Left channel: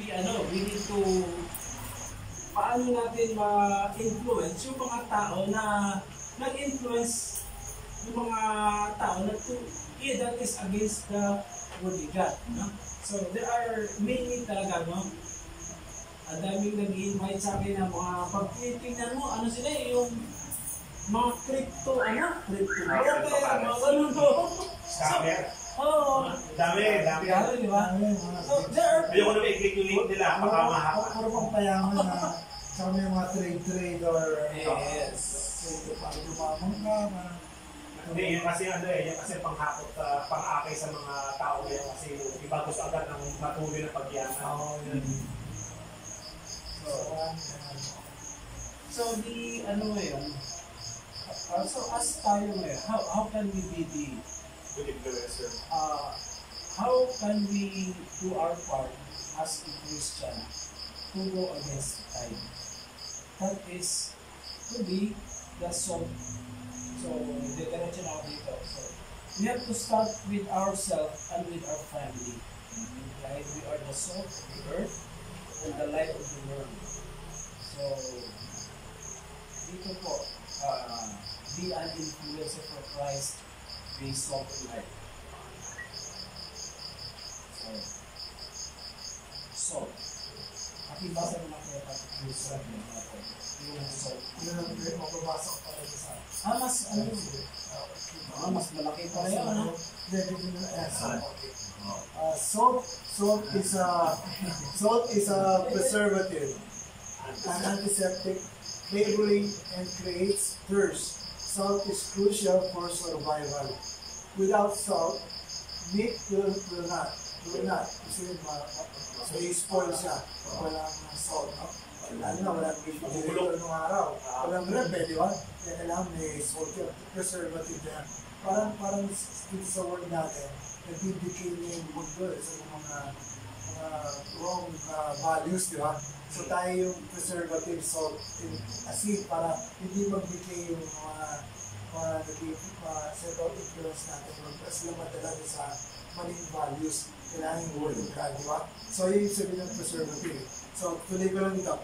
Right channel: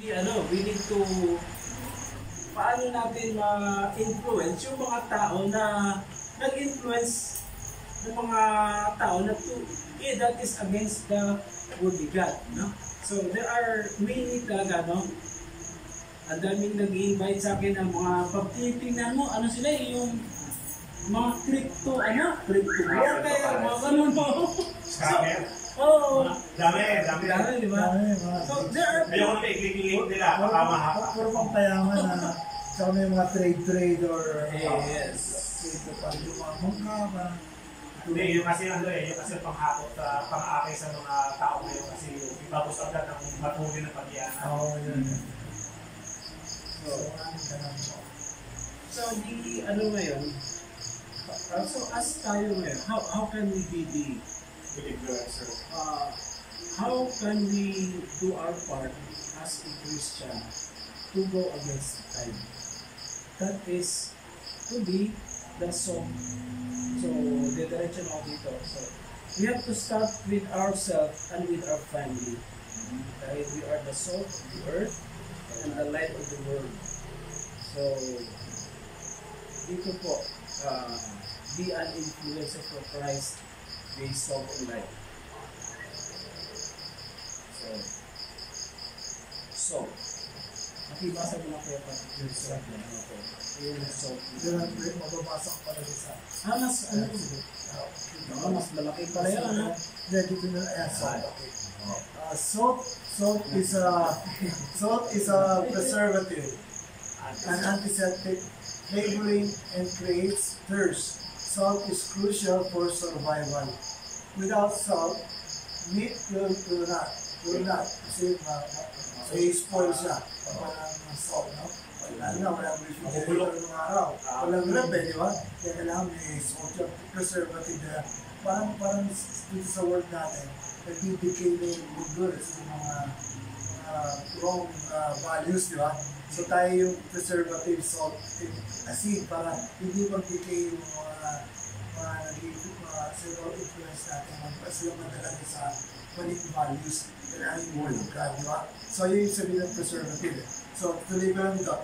be, we need to, paano natin ma-influence yung mga tao na nag-influence ng mga tao na that is against the word of God, no? So, there are many talaga, no? Ang daming nag-i-invite sa akin ng mga pagtitingnan mo, ano sila yung mga crypto broker, mga ganun, no? Scammer? Oo. Dami, di ba? So, there are... Ayoko na may i-click yung link nila, baka mahaba. Puro pang payaman na, tsaka may mga trade or... Yes. Trade pang dumamong ka, Hindi, yung kasi yung kasi panghakot, pang-akay sa mga tao ngayon kasi ipapos agad ng matulog na pagyanan. Oo, yun. So, ngayon, so as tayo ngayon, how can we be the influencer? How can we do our part as a Christian to go against the tide? That is to be the salt. So, diretso na ako dito. So, we have to start with ourselves and with our family. Dahil we are the salt of the earth and the light of the world. So, dito po, be an influencer for Christ, be salt and light. So, makibasa mo na kaya yung salt na ito. Yung salt. Yun ang mababasa ko talaga sa... mas malaki pala yun, ha? Dito na, salt is a preservative, an antiseptic, flavoring and creates thirst. Salt is crucial for survival. Without salt, meat will not. Kasi may spoil siya pag walang salt, no? Lalo na walang refrigerator ng araw. Walang rep, di ba? Kaya kailangan may salt yun. Preservative na. Parang dito sa world natin, nag-decay na yung mundo sa mga wrong values, di ba? So tayo yung preservative salt, asin, para hindi mag-decay yung mga circle influence natin, sila madala sa maling values. Kailangan yung word of God, di ba? So yun yung sabihin ng preservative. So tuloy ko lang ito.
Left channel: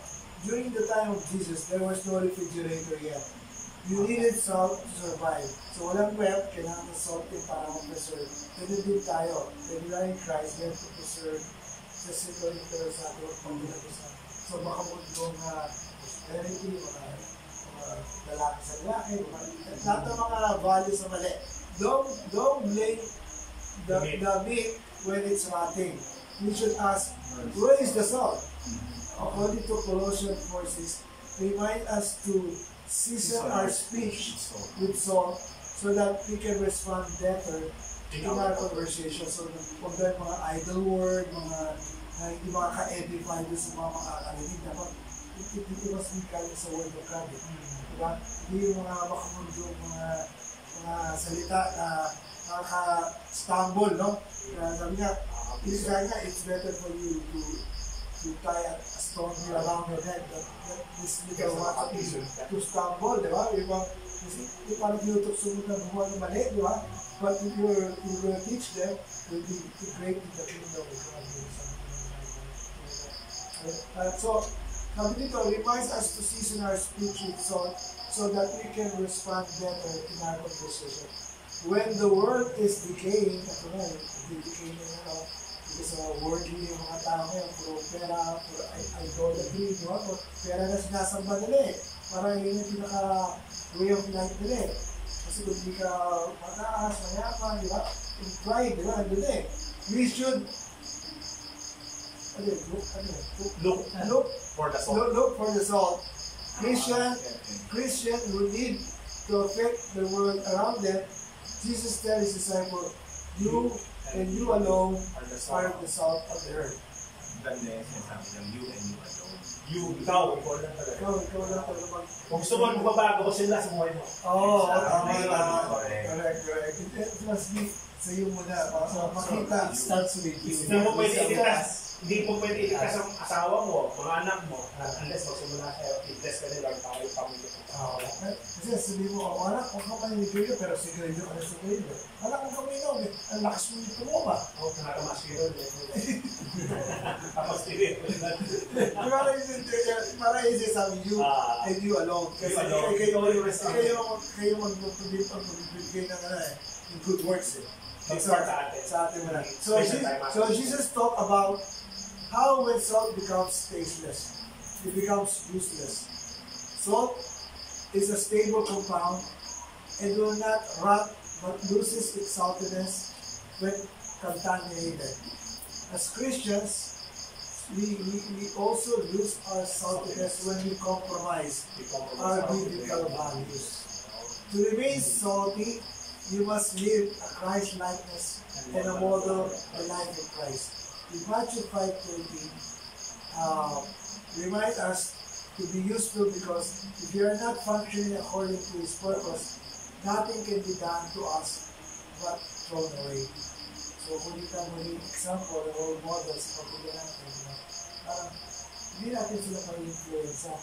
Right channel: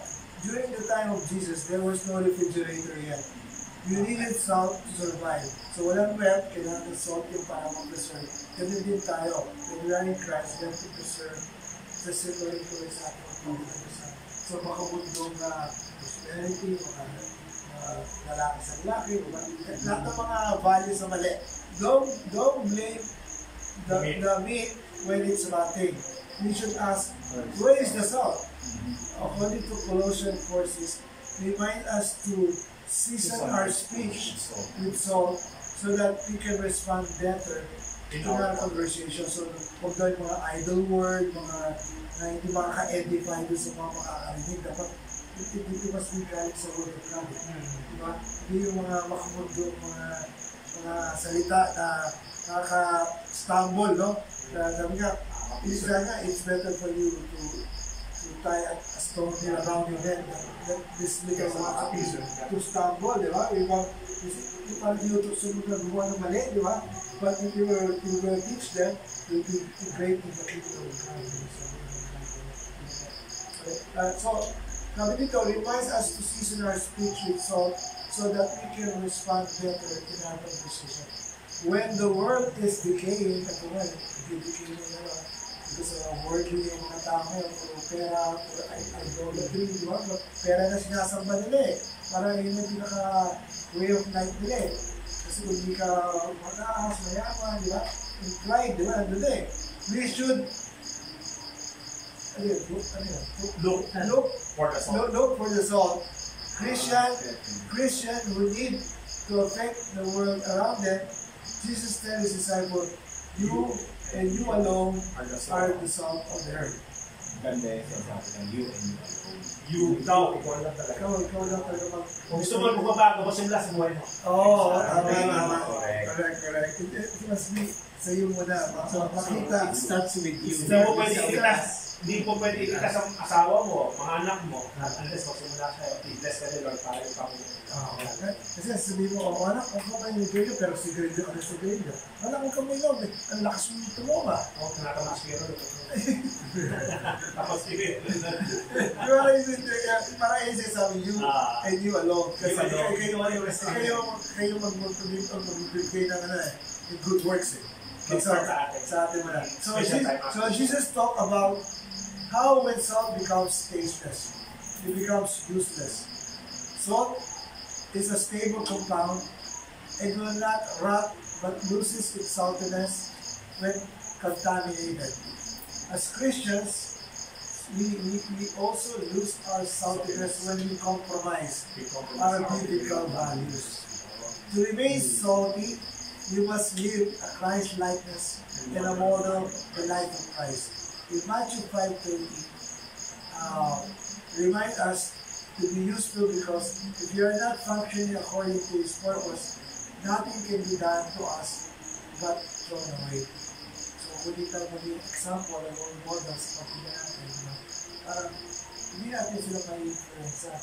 During the time of Jesus, there was no refrigerator yet. You needed salt to survive. So walang rep, kailangan ng salt yung para mag-preserve. Ganun din tayo. When we are in Christ, we have to preserve the circle influence natin at pag-preserve. So makabundong na prosperity, mga lalaki sa lalaki, lahat ng mga values na mali. Don't blame the meat when it's rotting. We should ask, where is the salt? According to Colossians 4:6, remind us to season our speech with salt so that we can respond better in our conversation. So, huwag daw yung mga idle word, mga na hindi makaka-edify doon sa mga makakarinig. Dapat, it must be galing sa word of God. Diba? Hindi yung mga makamundo, mga salita na nakaka-stumble, no? Sabi nga, it's better for you to tie a stone around your head that this little one to stumble, di ba? Yung parang tinutukso mo na gumawa ng mali, di ba? But if you're going to teach them, you'll be great in the kingdom of God. So, sabi dito, reminds us to season our speech with salt so that we can respond better in our conversation. When the world is decaying, ito nga, decaying na because worldly yung mga tao ngayon, puro pera, puro idolatry, di ba? Pera na sinasamba nila eh. Parang yun yung pinaka-way of life nila eh. Kasi kung di ka mataas, mayaman, di ba? In pride, di ba? Ando na eh. We should look for the salt. Christian who need to affect the world around them. Jesus tells his disciples, you and you alone are the salt of the earth. Ganda yung sinasabi ng you and you alone. Ikaw lang talaga. Ikaw lang talaga. Kung gusto mo magbabago, gusto nila sa buhay mo. Correct. It must be sa iyo muna. So, makita. It starts with you. Hindi mo pwede itas. Hindi mo pwede ikas ang asawa mo, mga anak mo, unless magsimula siya, i-bless ka ni Lord para yung pamilya. Kasi sabihin mo, anak, huwag ka pa yung sigarilyo, pero sigarilyo ka rin sigarilyo. Anak, huwag ka may inom, ang lakas mo yung tumuha. Ako, tinatamas ko yun. Tapos yun. Para easy sabi, you and you alone. Kasi kayo mag-motivate o mag-bigay ng yung good works eh. Sa atin mo na. So Jesus talked about how when salt becomes tasteless, it becomes useless. Salt is a stable compound and will not rot but loses its saltiness when contaminated. As Christians, we also lose our saltiness when we compromise our biblical values. To remain salty, you must live a Christ likeness and a model the life of Christ. In Matthew 5:20, remind us to be useful because if you are not functioning according to His purpose, nothing can be done to us but thrown away. So, kung di tayo maging example and role models sa pagkakas natin, parang hindi natin sila may-influence sa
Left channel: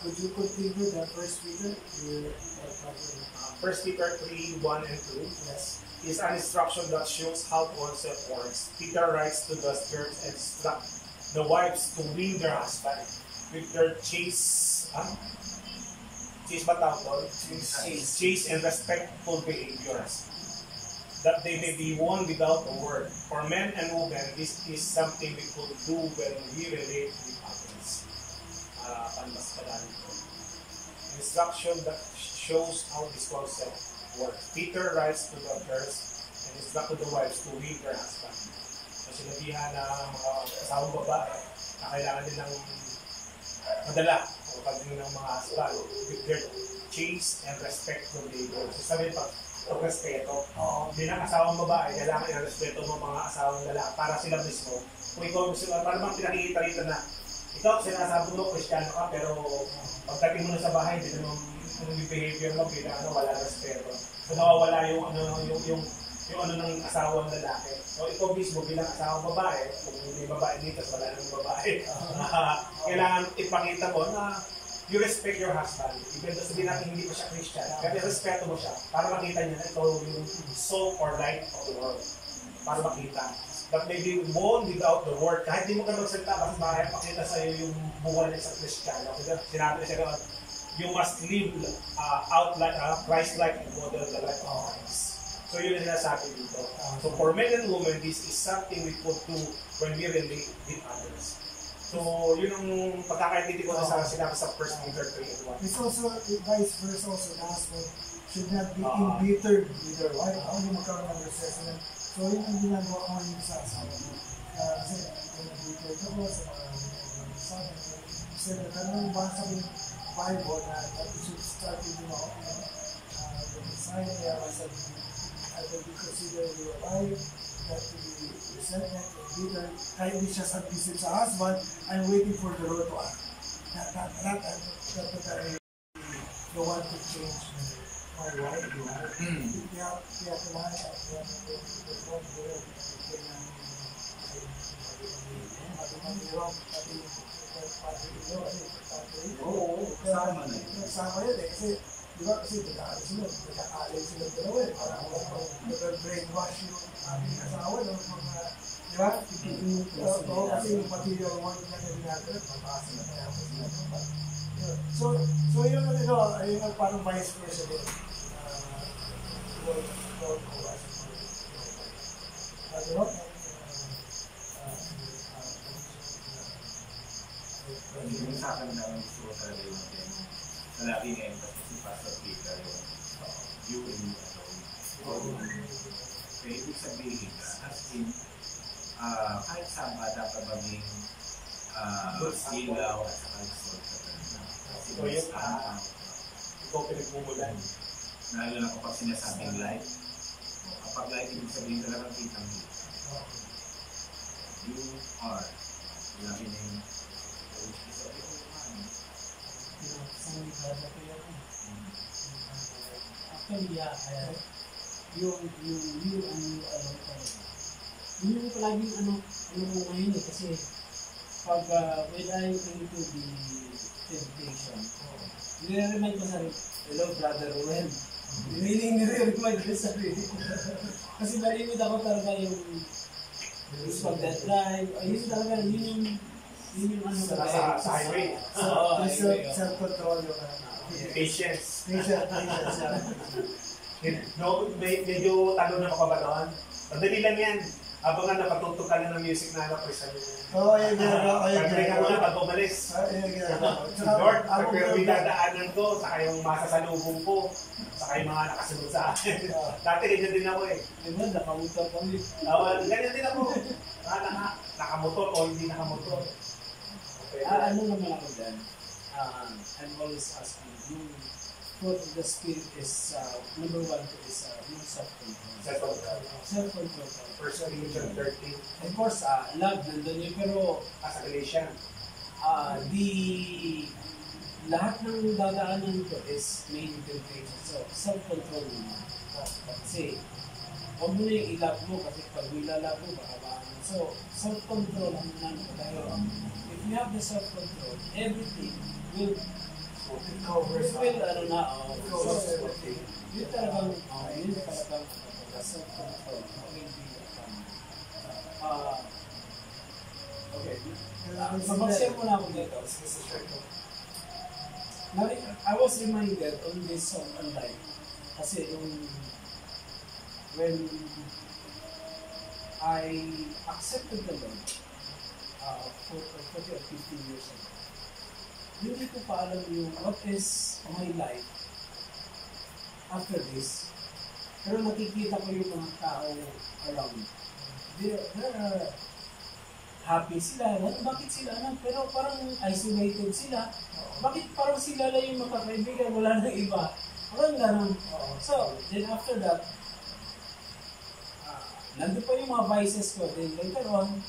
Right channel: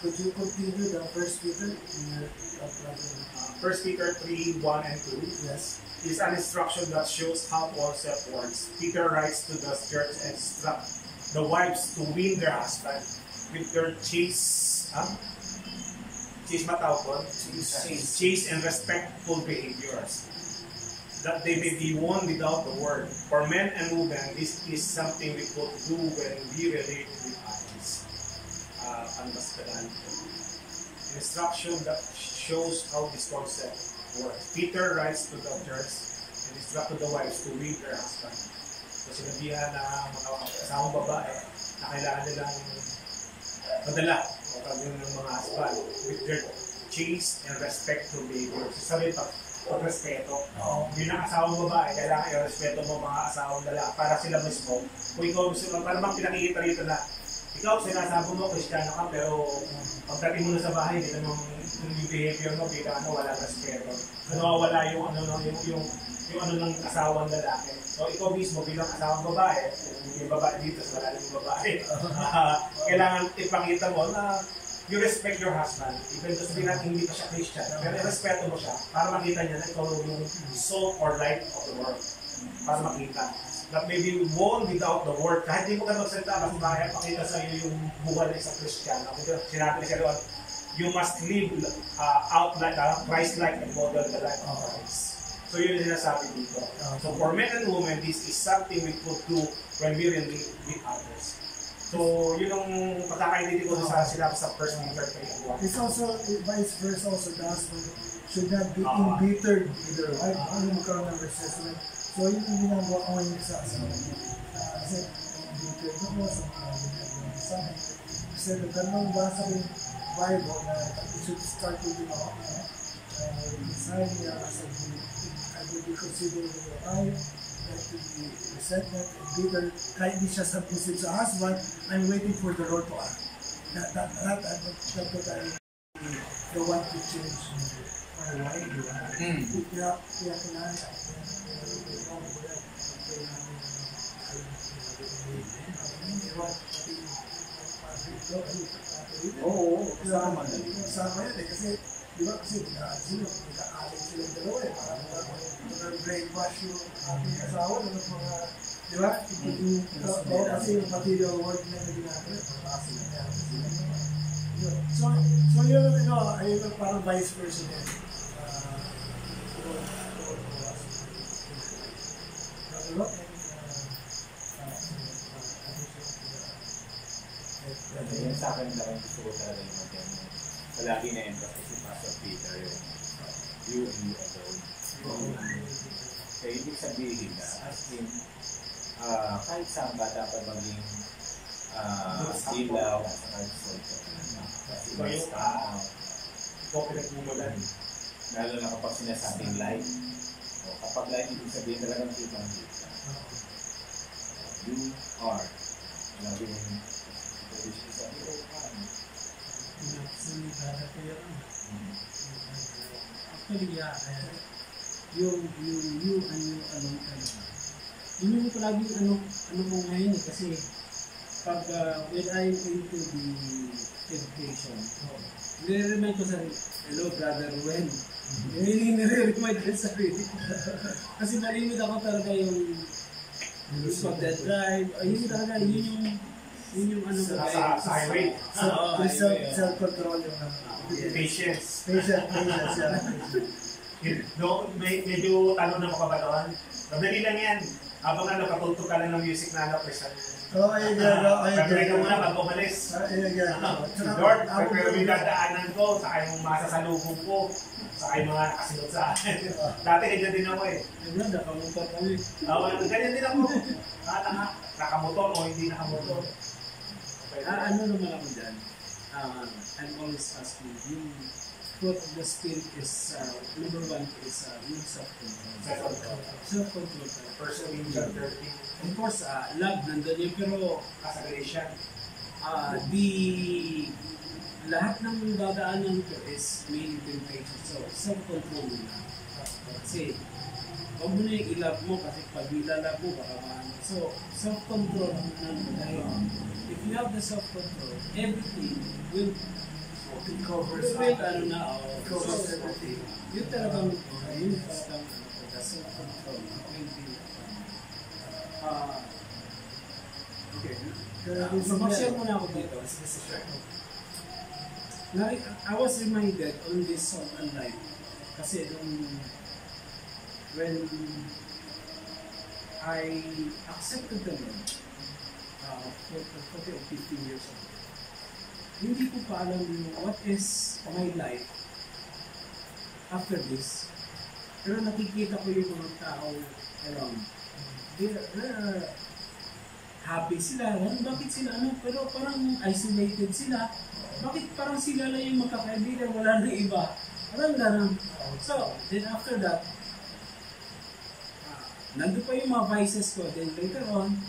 Could you continue the 1 Peter? 1 Peter 3:1 and 2. Yes. Is an instruction that shows how oneself works. Peter writes to the church and instruct the wives to win their husband with their chaste and respectful behaviors, that they may be won without the word. For men and women, this is something we could do when we relate with others. Instruction that shows how this concept works. Peter writes to the church and instructed the wives to win their husband. So sinabihan na mga asawang babae na kailangan nilang madala o kagawin ng mga husband with their chaste and respectful behavior. So sabi pag-respeto. Bilang asawang babae, kailangan i-respeto mo mga asawang lalaki para sila mismo. Kung ikaw gusto mo, para bang pinakikita rito na ikaw, sinasabi mo, Kristiyano ka, pero pagdating mo na sa bahay, hindi naman yung behavior mo, wala respeto. So nawawala yung ng asawang lalaki. So ikaw mismo bilang asawang babae, kung may babae dito, wala nang babae, kailangan ipakita mo na you respect your husband. Even though sabihin natin hindi pa siya Christian, pero respeto mo siya para makita niya na ikaw yung salt or light of the world. Para makita. That may be won without the word. Kahit di mo ka magsalita, mas kaya pakita sa iyo yung buwan na isang Christian. Sinabi kasi doon, you must live out like Christ-like and model the life of Christ. So yun yung sinasabi dito. So for men and women, this is something we could do when we relate with others. So yun ang pagkakaintindi ko sa sinabi sa 1 Peter 3:1. It's also, vice versa also, the husband should not be embittered with their wife. Ano magkaroon ng resentment. So yun yung ginagawa ko ngayon sa asawa ko. Kasi embittered ako sa mga ginagawa sa akin. Kasi nagtanong ba sa Bible na it should start with sign niya as I would be considered your wife, not to be resentment and bitter. Kahit hindi siya submissive sa husband, I'm waiting for the Lord to act. Not that I don't want to change my wife, di ba? Kaya kailangan kasama na yun. Kasama yun eh, kasi di ba kasi magkakaalay sila dalawa eh, parang brainwash yung ating asawa ng mga, di ba? Kasi yung material work na ginagawa, napasa na kaya sila. So yun, ayun ang parang vice versa din. Yung sa akin na gusto ko talaga yung palagi na emphasis yung Pastor Peter, you and you alone. Kaya ibig sabihin na, as in, kahit saan ba dapat maging ilaw at saka salt sa kanila. Kasi may stand out. Ikaw pinagmumulan. Lalo na kapag sinasabing light. Kapag light, ibig sabihin talagang kitang-kita. You are. Lagi na yung Actually, yeah, you and you alone talaga. Yun yung palaging ano ko ngayon eh, kasi pag when I'm into the education, nire-remind ko sa hello brother Ruben. Meaning nire-remind ko sa sarili ko. Kasi malimit ako talaga yung pag-drive, yun talaga, yun yung ano ko. Sa highway. Self-control yung Patience. patience. No, medyo talo na ako ba doon? Madali lang yan. Habang napatugtog ka lang ng music na anak ko sa Oo, ayun yan. Pag-break ka muna pag umalis. Si Lord, pero may dadaanan ko, saka yung masasalubong ko, saka yung mga nakasunod sa akin. Dati ganyan din ako eh. Ano, nakamotor kami. Ganyan din ako. Nakamotor o hindi nakamotor. Ano naman ako dyan? I'm always asking, yung fruit of the spirit is, number 1 is yung self-control. Self-control. First Corinthians 13. Of course, love nandun yun, pero As a Galatian. lahat ng dadaanan ko is mainly temptation. So, self-control muna. Kasi, huwag mo na yung i-love mo kasi pag nilalove mo, baka maano. So, self-control ang nandun. Dahil, if you have the self-control, everything will covers everything. Yun talagang, the self-control will be okay. Mag-share muna ako dito. I was reminded on this song and life. Kasi when I accepted the Lord 40 or 15 years ago, hindi ko pa alam yung what is my life after this. Pero nakikita ko yung mga tao around. They are happy sila. Bakit sila pero parang isolated sila. Bakit parang sila lang yung makakaibigan, wala nang iba? Parang ganun. So, then after that, nandun pa yung mga vices ko. Then later on,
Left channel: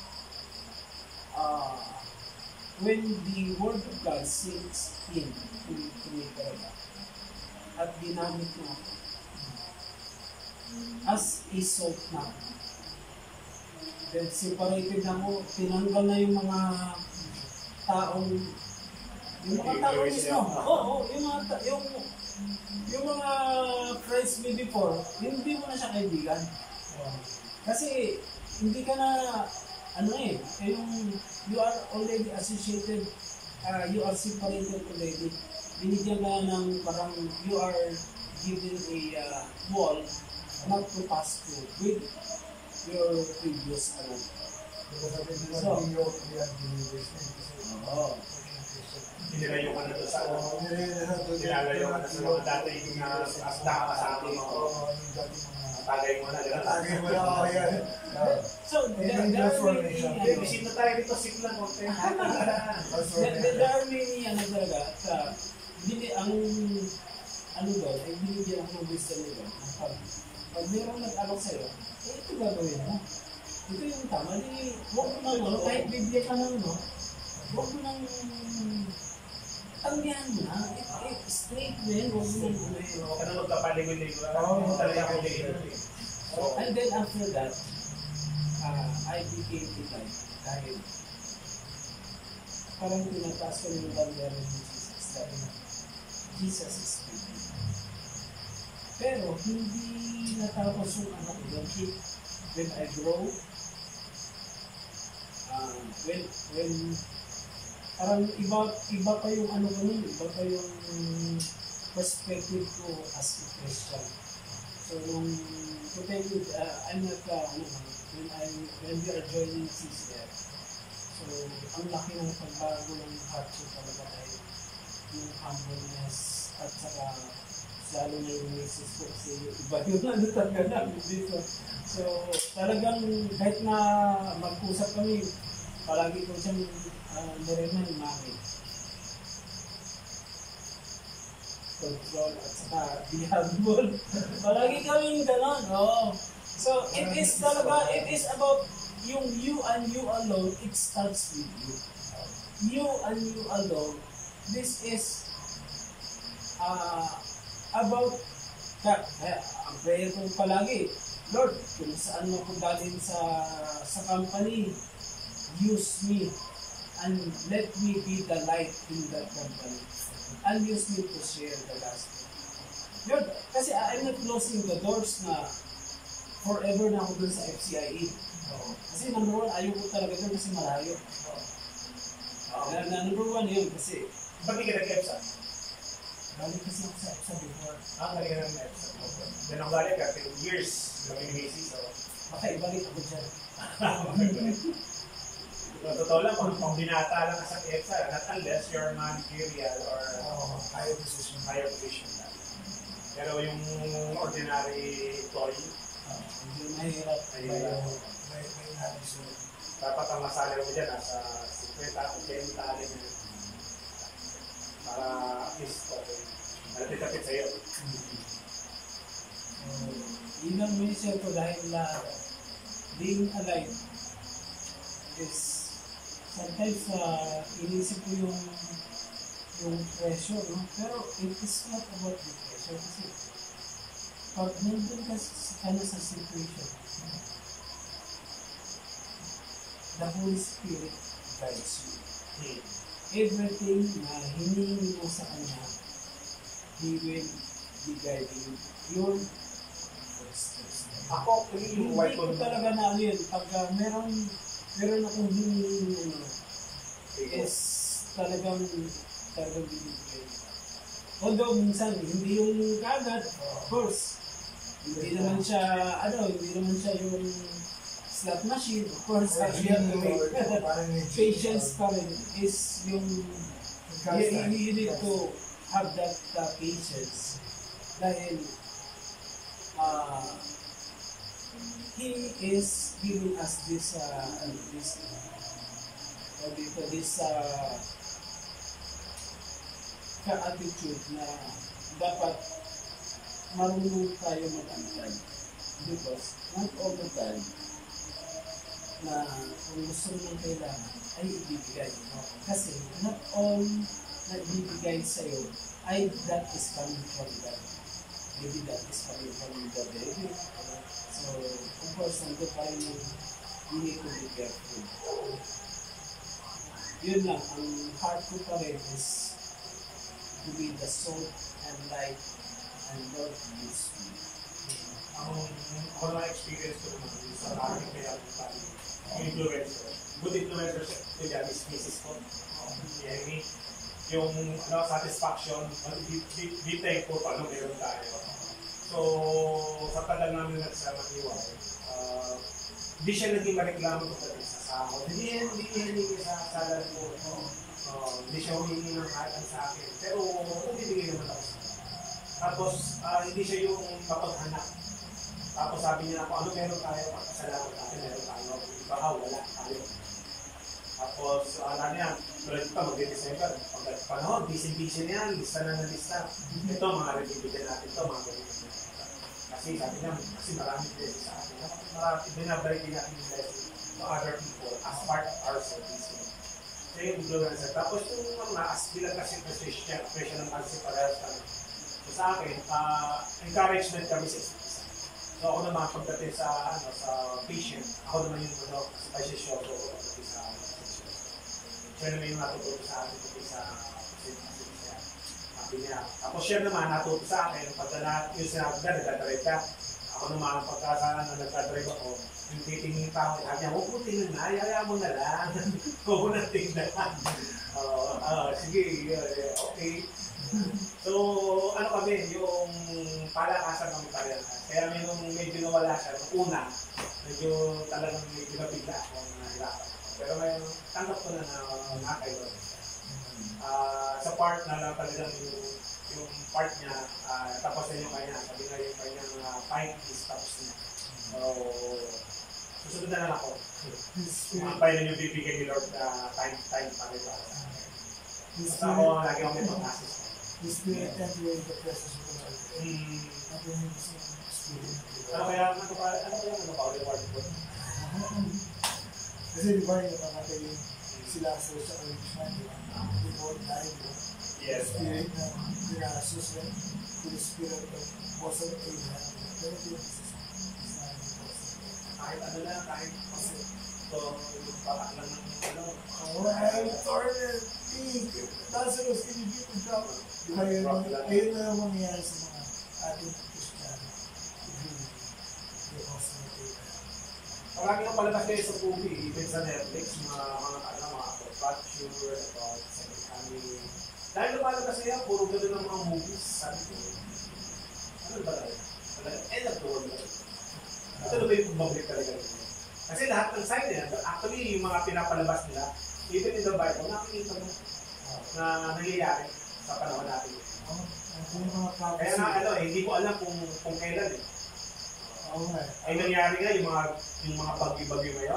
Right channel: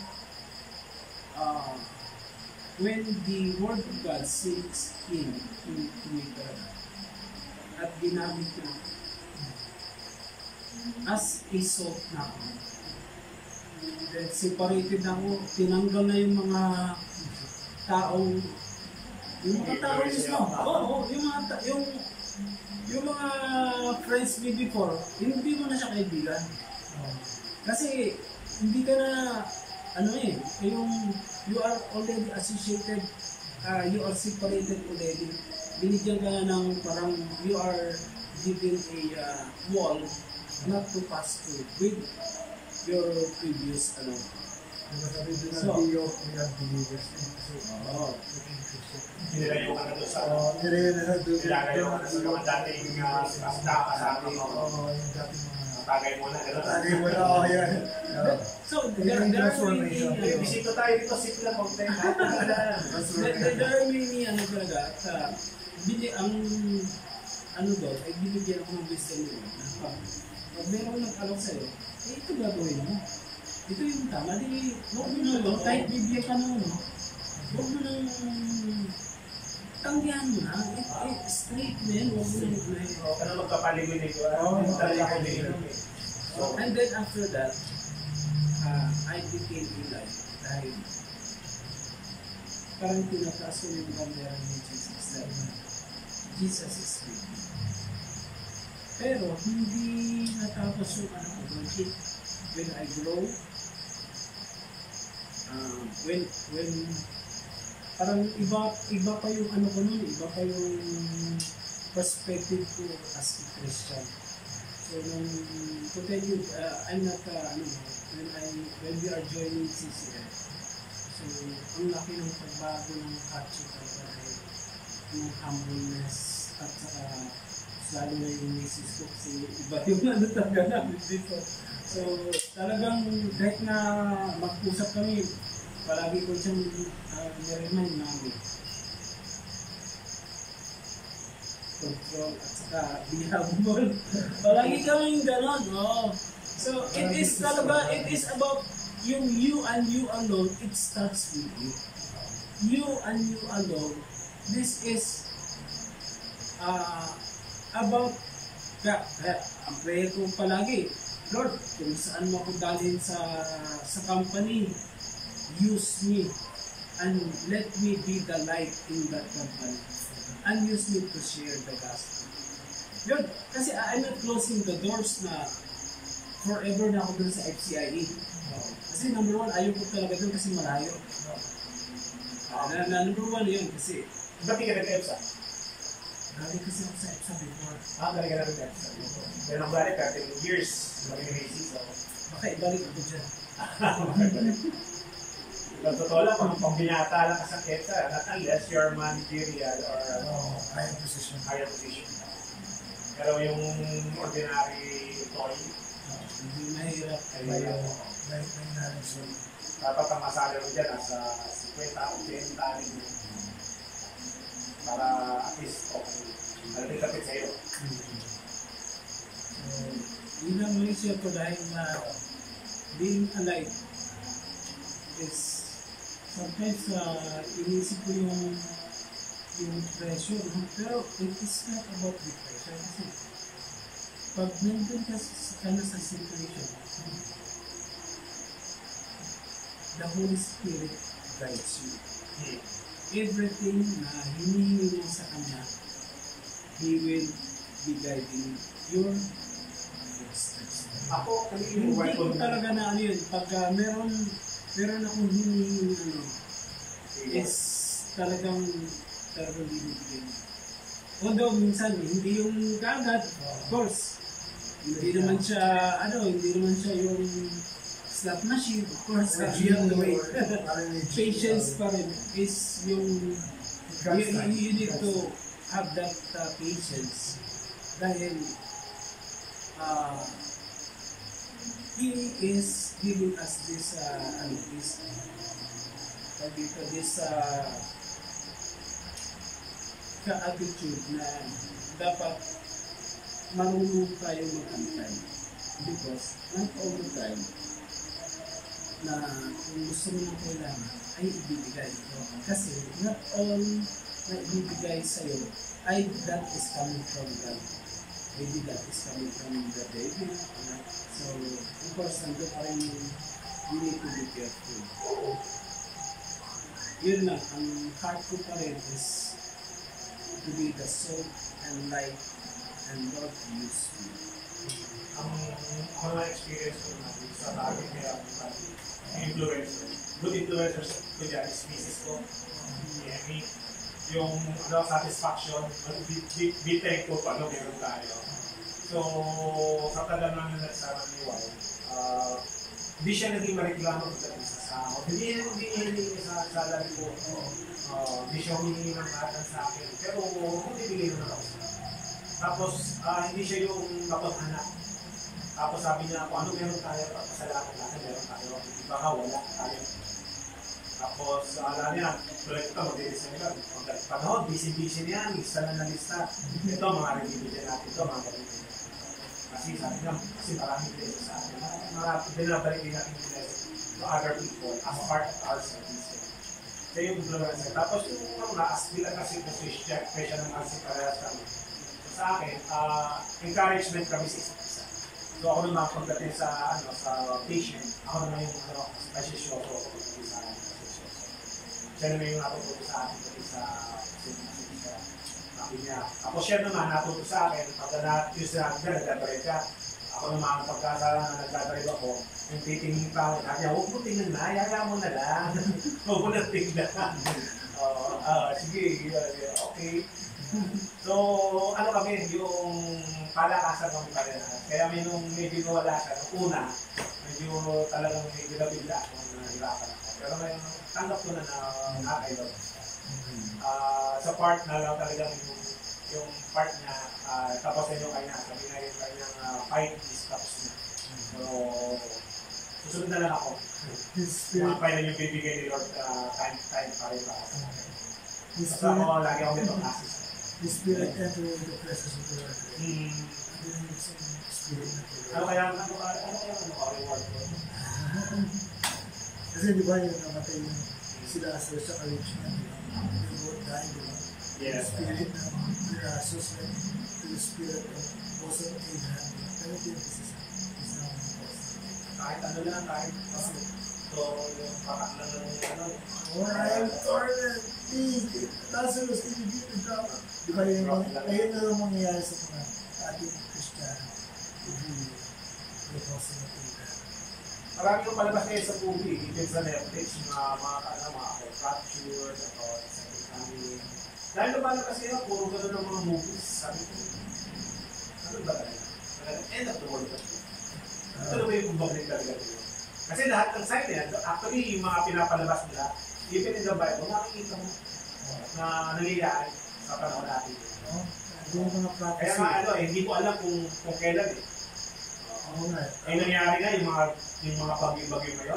when the Word of God sinks in to me talaga, at ginamit na ako, as a salt na ako, then separated na ako, tinanggal na yung mga taong mismo. Yung mga friends me before, hindi mo na siya kaibigan. Kasi hindi ka na you are already associated, you are separated already. Binigyan ka ng parang you are given a wall not to pass through with your previous Nilalayo ka na doon sa Nilalayo ka na sa mga dating asda kasama mo. Tagay mo na gano'n. Yan. So, there are many, Bisito tayo dito, sit lang. there are many, talaga, ay binigyan ako ng wisdom nila. Pag mayroong nag-alok sa'yo, ito gagawin mo. Ito yung tama. Huwag mo nang, kahit bibigyan ka ng huwag mo nang tanggihan mo na. Straight din, huwag mo nang Ano magkapaligid-ligid? And then after that, I became a light. Dahil parang tinataas ko yung bandera ni Jesus that Jesus is with me. Pero hindi natapos yung ko doon. When I grow, when parang iba pa yung ko nun, iba pa yung perspective ko as a Christian. So to tell you, I'm not when we are joining CCF, so ang laki ng pagbago ng heart ko talaga dahil yung humbleness at saka lalo na yung misis ko kasi iba yung talaga namin dito. So talagang kahit na mag-usap kami, palagi ko siyang niremind namin. Control at saka be humble. Palagi kaming gano'n. So it is about yung you and you alone, it starts with you. You and you alone, this is about ang prayer ko palagi, Lord, kung saan mo ko dalhin sa company, use me and let me be the light in that company and use me to share the gospel. Lord, kasi I'm not closing the doors na forever na ako dun sa FCIE. Kasi number one, ayaw ko talaga dun kasi malayo. Number one yun kasi Ba't di ka nag-EPSA? galing kasi ako sa EPSA before. Galing ka na nag-EPSA. Then ang galing ka, 10 years, mag-Macy, so... Baka ibalik ako dyan. Totoo lang, kung binata lang ka sa EPSA, not unless you're managerial or Higher position. higher position. Pero yung ordinary employee, Hindi mahirap. ay May knowledge mo. dapat ang masali mo dyan nasa 50 o 10 tali mo. Para at least okay. Malapit-lapit sa'yo. Yun ang mission ko dahil na being alive is sometimes inisip ko yung pressure, no? Pero it is not about the pressure kasi pag nandun ka sa situation, the Holy Spirit guides you. Everything na hinihingi mo sa Kanya, He will be guiding your footsteps. Ako, yung Hindi white ko talaga na ano yun. Pag meron akong hinihingi is talagang bibigyan. Although minsan, hindi yung kagad, of course. Hindi naman siya yung slot machine. Of course, you have to wait. Patience pa rin is yung you need to have that patience dahil He is giving us this ka-attitude na dapat marunong tayo mag-antay because not all the time na kung gusto mo ng kailangan ay ibibigay. Kasi not all na ibibigay sa'yo ay that is coming from God. Maybe that is coming from the devil. So, of course, nandun pa rin yung we need to be careful. Yun lang, ang heart ko pa rin is to be the salt and light and God use me. Ang ako naman experience ko naman sa target nila ng family. Influencer. Good influencers ko dyan is misis ko. Amy. Yung satisfaction, be thankful pa meron tayo. So, sa tagal namin nagsama ni Wow, hindi siya naging mareklamo pagdating sa sahod. Hindi niya sa salary ko. Hindi siya humingi ng katan sa akin. Pero, nagbibigay naman ako sa akin. Tapos, hindi siya yung kapaghanap. Tapos sabi niya ako, ano meron tayo? Pasalamat natin, meron tayo. Baka wala tayo. Tapos, alam niya, tuloy ito, mag-December. Pag panahon, busy-busy niyan, lista na na lista. Ito, mga review natin ito, mga ganito. Kasi sabi niya, kasi maraming blessing sa atin. Binabalik din natin yung blessing to other people as part of our service. So yung influencer. Tapos yung bilang kasi presyo ng mga parehas kami. So sa akin, encouragement kami sa isa't isa. So ako naman pagdating sa patient, ako naman yung kasi show ko sa siya naman yung natututo sa akin pati sa sabi niya. Tapos siya naman natuto sa akin pag yung sinabi niya, nagdadrive ka. Ako naman pagkasala na nagdadrive ako, yung titingin pa ako, sabi niya, huwag mo tingnan na, yaya mo na lang. Huwag mo na tingnan. Sige, okay. So, ano kami, yung palakasan kami parehas. Kaya medyo nawala siya. Una, medyo talagang medyo nabigla ako, nahirapan ako. Pero may tanggap ko na nakakayo. Sa part na lang talagang yung part niya, tapos na yung kanya, sabi na yung kanyang fight is tapos niya. So, susunod na lang ako. Mga pa rin yung bibigyan ni Lord time pa rin para sa akin. Basta ako, lagi ako nito classes. The Spirit entering the presence of the Lord. Ano yung Spirit na ito? Ano kaya reward ko? Kasi di ba yung namatay yung sila sa encouragement, di ba? They both died, di ba? Yes. The Spirit na associated to the Spirit of also Abraham. Pero ito yung isa kahit ano lang, kahit ito, patak lang ng ano. Oh, I am torn and big. Lazarus, can you give me drop? Di ba yun, ayun na lang mangyayari sa mga ating Kristiyano. Marami yung palabas kayo sa movie, even sa Netflix, mga capture, about second coming. Dahil lumalabas kayo, puro gano'n ng mga movies. Sabi ko, ano ba tayo? End of the world ba? Ito na ba yung bumabalik talaga nila? Kasi lahat ng sign yan, actually yung mga pinapalabas nila, even in the Bible, nakikita mo na nangyayari sa panahon natin. Kaya nga hindi ko alam kung kailan eh. Ay nangyari nga yung mga bagyo-bagyo ngayon,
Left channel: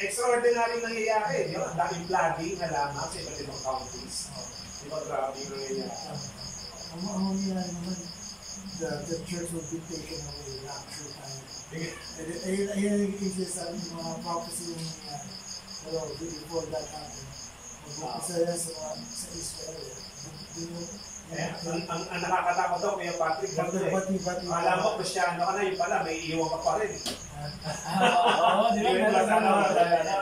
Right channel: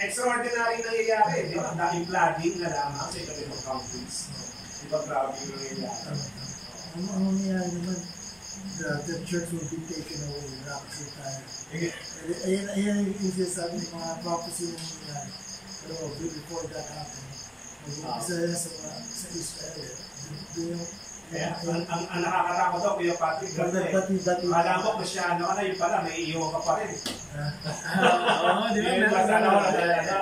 extraordinary nangyayari, di ba? Daming flooding na lamang sa iba't ibang countries. Di ba grabe yung nangyayari? Ang nangyayari naman, the church will be taken away, rapture time. Ayun yung sabi ng mga prophecy ng pero before that happened, mag-umpisa yan sa Israel. Kaya, ang nakakatakot daw, Kuya Patrick, alam mo, Kristyano ka na, yun pala, may iiwan ka pa rin. Oo, di ba?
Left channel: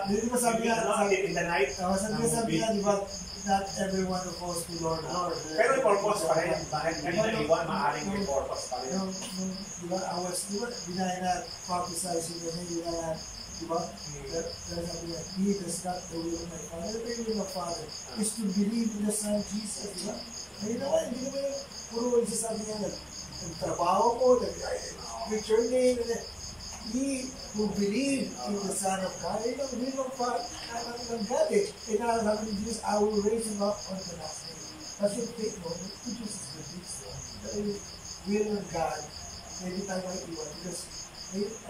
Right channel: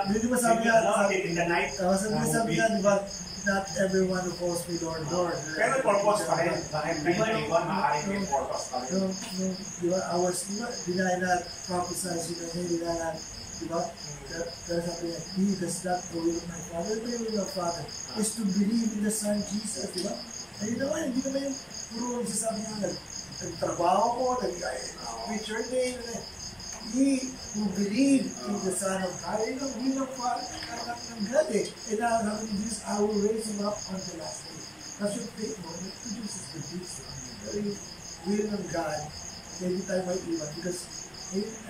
Di ba sabi nga, in the night, sabi nga, di ba, not everyone who calls me Lord, Lord. Pero may purpose pa rin. Bakit may naiwan, maaaring may purpose pa rin. Di ba, deny not, prophesy, deny not, di ba? Pero sabi nga, he does not the will of my Father. The will of Father is to believe in the Son Jesus, di ba? Ayun naman, hindi naman yung puro sasabi nga, nagtrabaho ko, nag-reach your name, he who believe in the Son of God, ayun ang will of God eh. And now, sabi ni Jesus, I will raise him up on the last day. That's your faith, no? It produces the fruits. Pero yung will of God, hindi tayo may iwan. Because,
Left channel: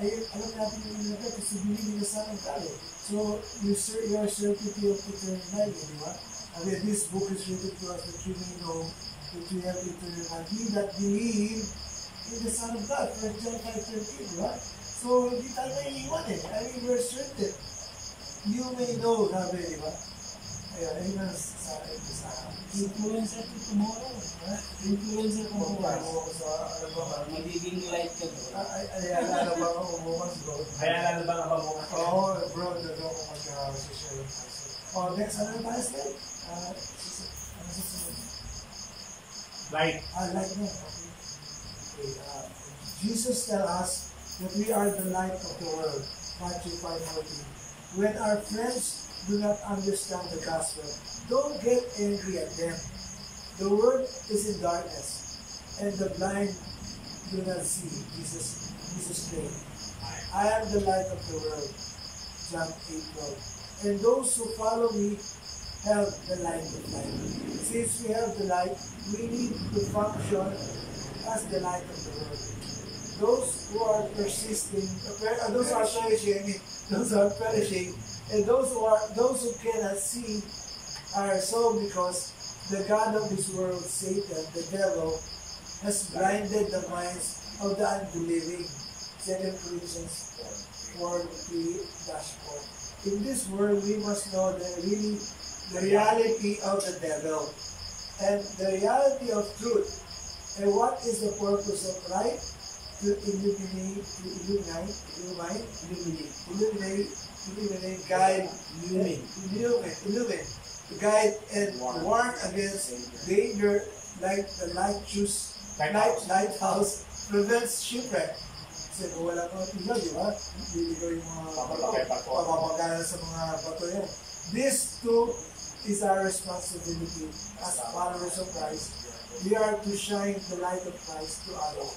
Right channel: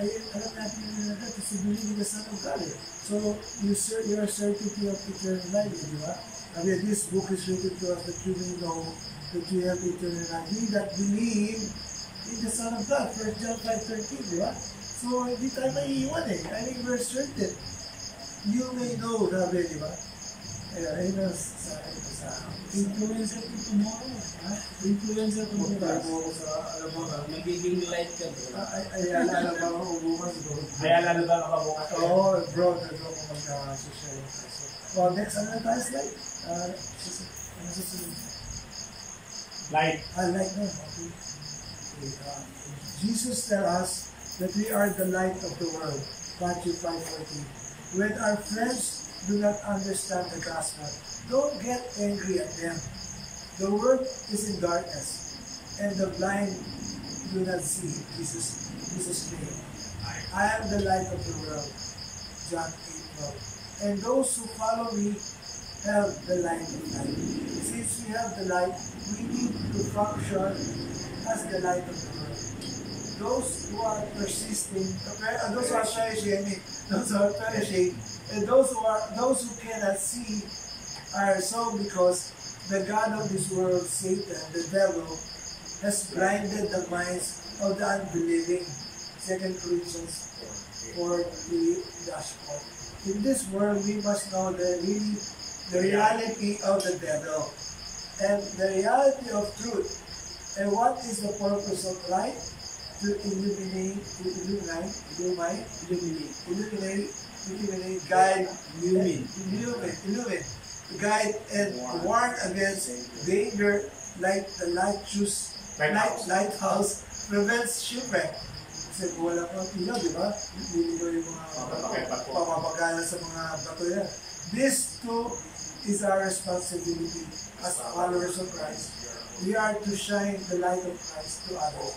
alam natin yung will of God, kasi believe in the Son of God eh. So, your certainty of eternal life, di ba? I mean, this book is written to us that you may know that you have eternal life. He that believe in the Son of God, 1 John 5:13, di ba? So, hindi tayo maiiwan eh. I mean, we're certain. You may know, sabi, di ba? Ayun na sa influencer to tomorrow. Influencer to tomorrow. Ako sa, alam mo, magiging light ka doon. ay alala ba ako bukas? Ay alala ba ako bukas? Oo, bro, nag ako mag-social. Oh, next, ano na tayo slide? Ano susunod? Light. Light na. Okay. Jesus tells us that we are the light of the world. Matthew 5:14. When our friends do not understand the gospel, don't get angry at them. The world is in darkness, and the blind do not see. Jesus prayed. I am the light of the world. John 8:12. And those who follow me have the light of life. Since we have the light, we need to function as the light of the world. Those who are persisting, those who are perishing, and those who cannot see are so because the God of this world, Satan, the devil, has blinded the minds of the unbelieving. 2 Corinthians 4:3-4. In this world, we must know the reality of the devil and the reality of truth. And what is the purpose of light? To illuminate, guide, guide and warn against danger, like the lighthouse prevents shipwreck. Kasi kung wala kang ilaw, di ba? Hindi ko yung mga papapagana sa mga bato yan. This too is our responsibility as followers of Christ. We are to shine the light of Christ to others.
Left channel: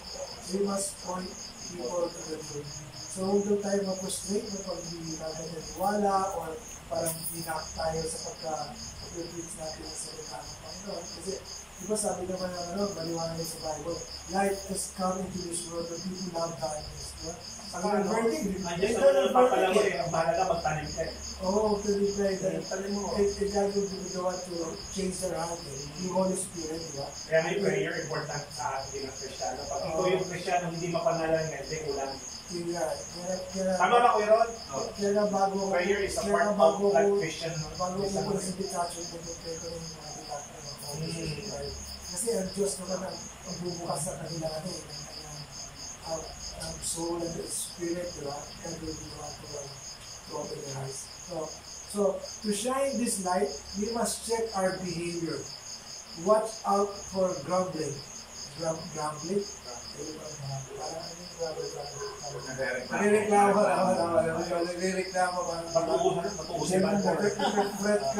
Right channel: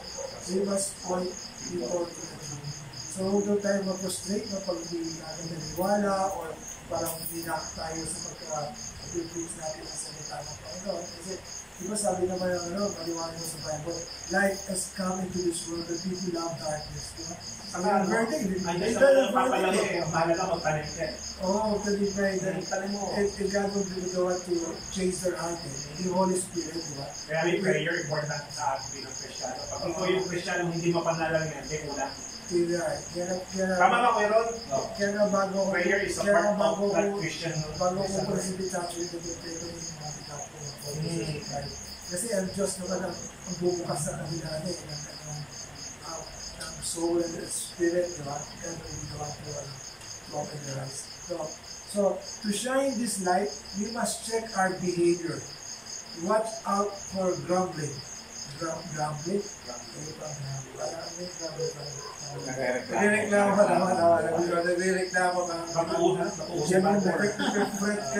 We must point people to the truth. So huwag daw tayo mag-frustrate na pag hindi natin naniwala or parang hinak tayo sa pagka-preach natin ang salita ng Panginoon. Kasi di ba sabi naman ng maliwanag sa Bible, light has come into this world and people love darkness. Diba? Ang verdict, andyan sa mga papalamo eh, ang bahala ka magpanim ka eh. Oo, kasi panim mo. If God will be the one to change their heart, yung Holy Spirit, di ba? Kaya may prayer important sa atin bilang Kristiyano. Pag ikaw yung Kristiyano hindi mapanalangan, hindi ulang. Tama ba, Kuya Ron? Kaya nga bago ko, prayer is a part of that Christian. Bago ko po si Bitacho, ipag-pray ko rin mga Bitacho ng Holy. Kasi ang Diyos naman ang bubukas sa kanila ng kanyang soul and the spirit, di ba? Every one to open their eyes. So to shine this light, we must check our behavior. Watch out for grumbling. Grumbling? Nagrereklamo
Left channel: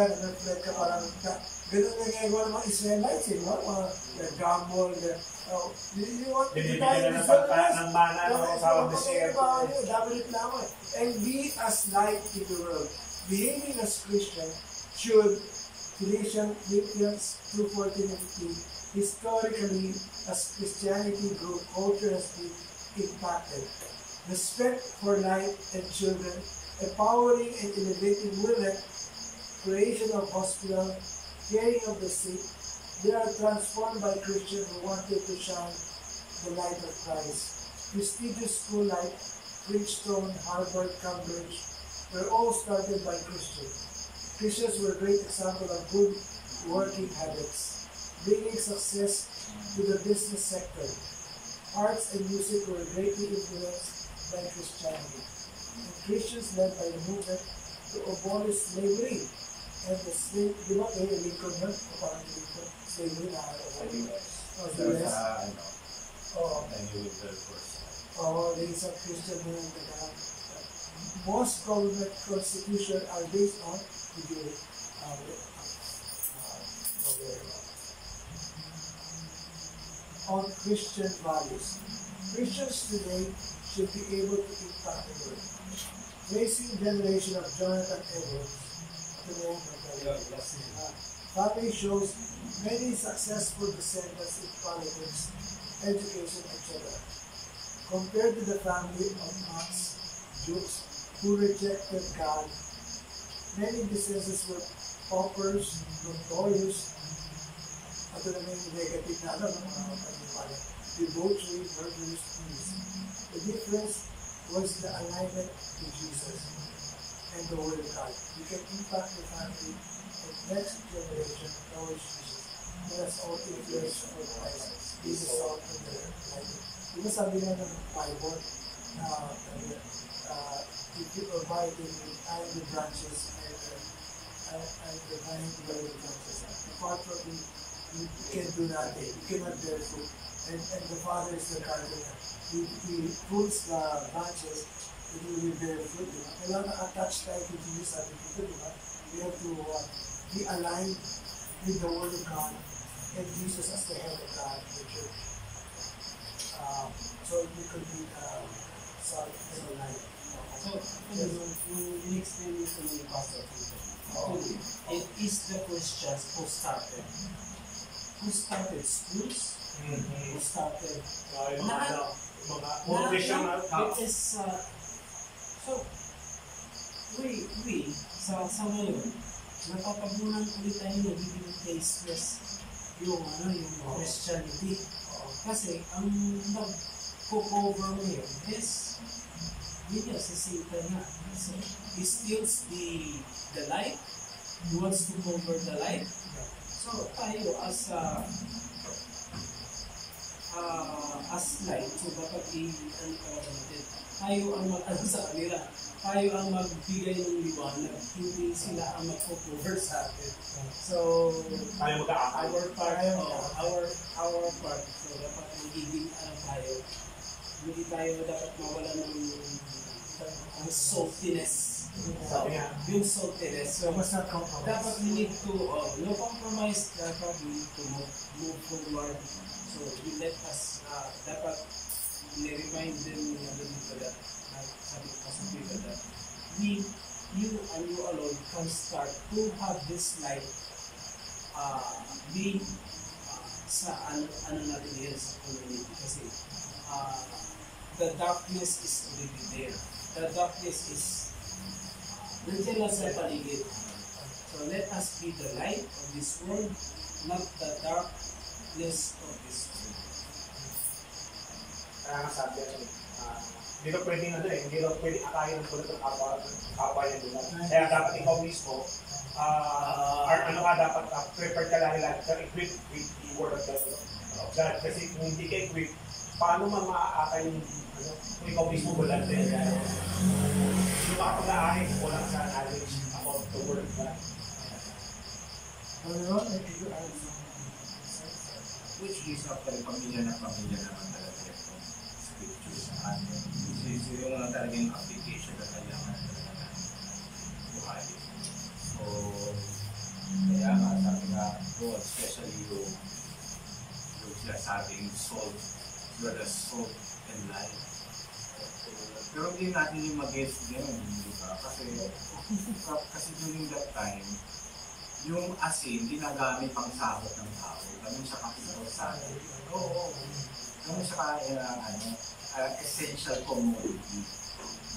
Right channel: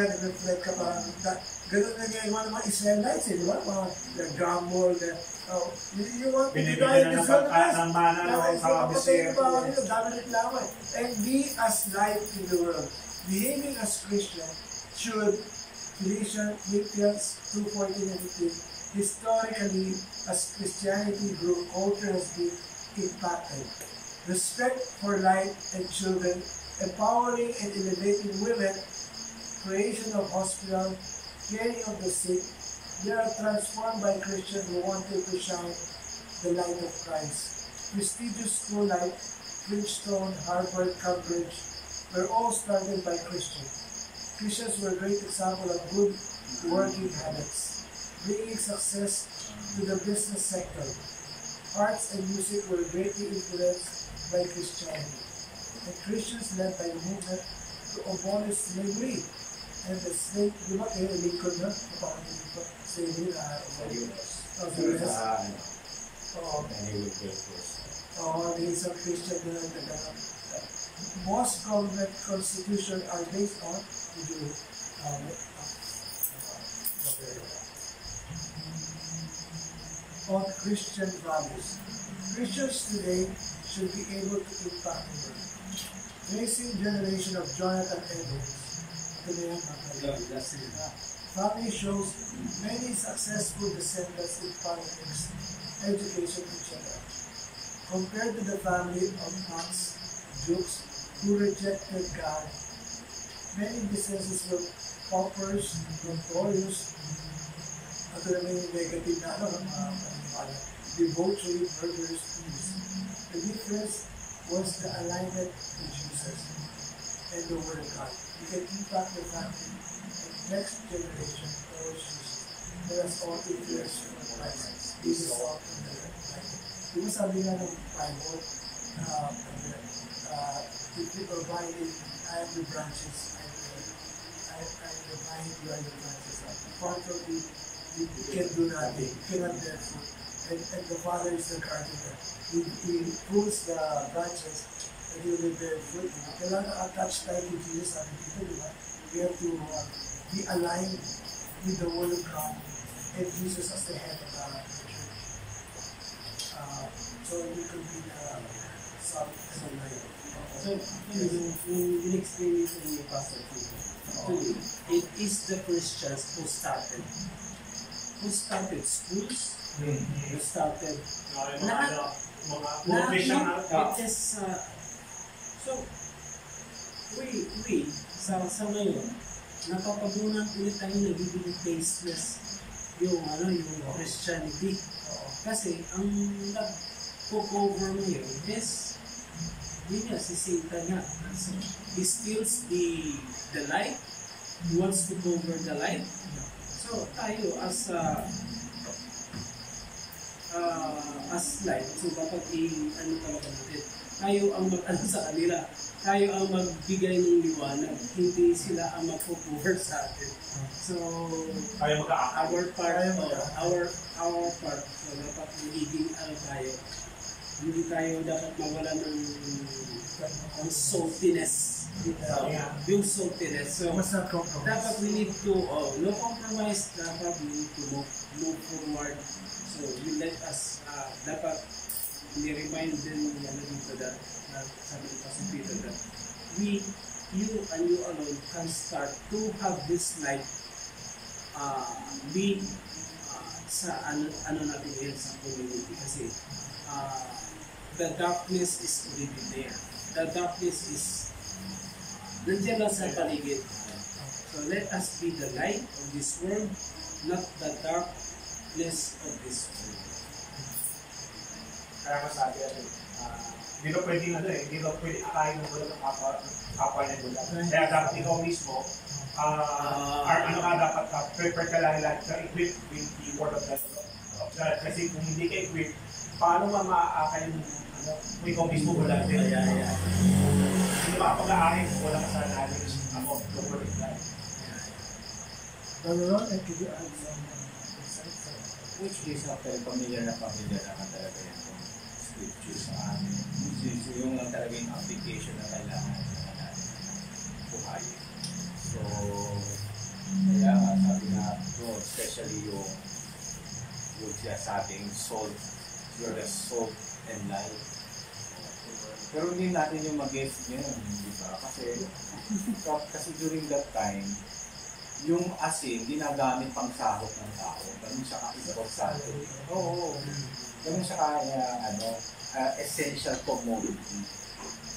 nag-reflect ka parang ganun na ngayon mga Israelites, di ba? Mga grumble, you want to die in this one, and be as light in the world. Behaving as Christian should, Philippians 2:14-15, historically, as Christianity grew, culture has been impacted. Respect for life and children, empowering and elevating women, creation of hospital, caring of the sick, they are transformed by Christians who wanted to shine the light of Christ. Prestigious school like Princeton, Harvard, Cambridge were all started by Christians. Christians were a great example of good working habits, bringing success to the business sector. Arts and music were greatly influenced by Christianity. And Christians led by the movement to abolish slavery. And the slave, di ba kayo, Lincoln yun? Kapag Lincoln, slavery na Sa US. Sa US? Oo. And he would build first. Oo, there is a Christian na most government constitution are based on on Christian values. Christians today should be able to impact the world. Raising generation of Jonathan Edwards. Family shows many successful descendants in politics, education, and children. Compared to the family of monks, Jews, who rejected God, many businesses were paupers, notorious, at the main negative na debauchery, murderers, thieves. The difference was the alignment to Jesus and the Word of God. You can impact the family and next generation towards Jesus. Let us all influence for Christ. This is all in the light. Di ba sabi nga ng Bible, if you abide in me, I am the branches, and I am the vine, you are the branches. Apart from me, you can do nothing. You cannot bear fruit. And the Father is the gardener. He prunes the branches that you will bear fruit. Kailangan attach tayo to Jesus, sabi dito, di ba? We have to be aligned with the Word of God and Jesus as the head of the church. So we could be salt and light. So, yung in-explain nito ni Pastor Peter, it is the Christians who started schools, who started mga Christian na. It is, so, we sa ngayon, napapagmunan ulit tayo nagiging tasteless yung Christianity. Kasi, ang nag-cover ngayon is yun nga, si Satan nga. So, he steals the light. He wants to cover the light. So, tayo as light, so dapat ano talaga natin. Tayo ang mag-ano sa kanila. Tayo ang magbigay ng liwanag. Hindi sila ang mag-cover sa atin. So, tayo our part, so dapat magiging tayo. Hindi tayo dapat mawala ng saltiness. Yung saltiness. So, dapat we need to, no compromise, dapat we need to move forward. So, we let us, dapat ni-remind din dito that sabi ko sa Peter that you and you alone can start to have this light be sa ano natin yan sa community kasi the darkness is already there. The darkness is nandiyan lang sa paligid. So let us be the light of this world, not the darkness of this world. Kaya nga sabi hindi na pwede hindi na pwede akayin ng bulat ng kapal ng bulat. Kaya dapat ikaw mismo, dapat prepared ka lang ka equipped with the word of God. Kasi kung hindi ka equipped, paano man maaakay yung ikaw mismo wala din. Hindi makapag-aahin kung wala ka sa knowledge about the word of God. Brother Ron, I could add some insights. Which is actually familiar na naman talaga yung scripture sa atin. Which is yung talagang application na kailangan natin buhayin. So, kaya nga sabi nga doon, especially yung sabing salt, you are the salt and light. Pero hindi natin yung mag-guess din, di ba? Kasi during that time, yung asin, ginagamit pang sahot ng tao. Ganun siya ka-importante. Oo. Ganun siya essential commodity.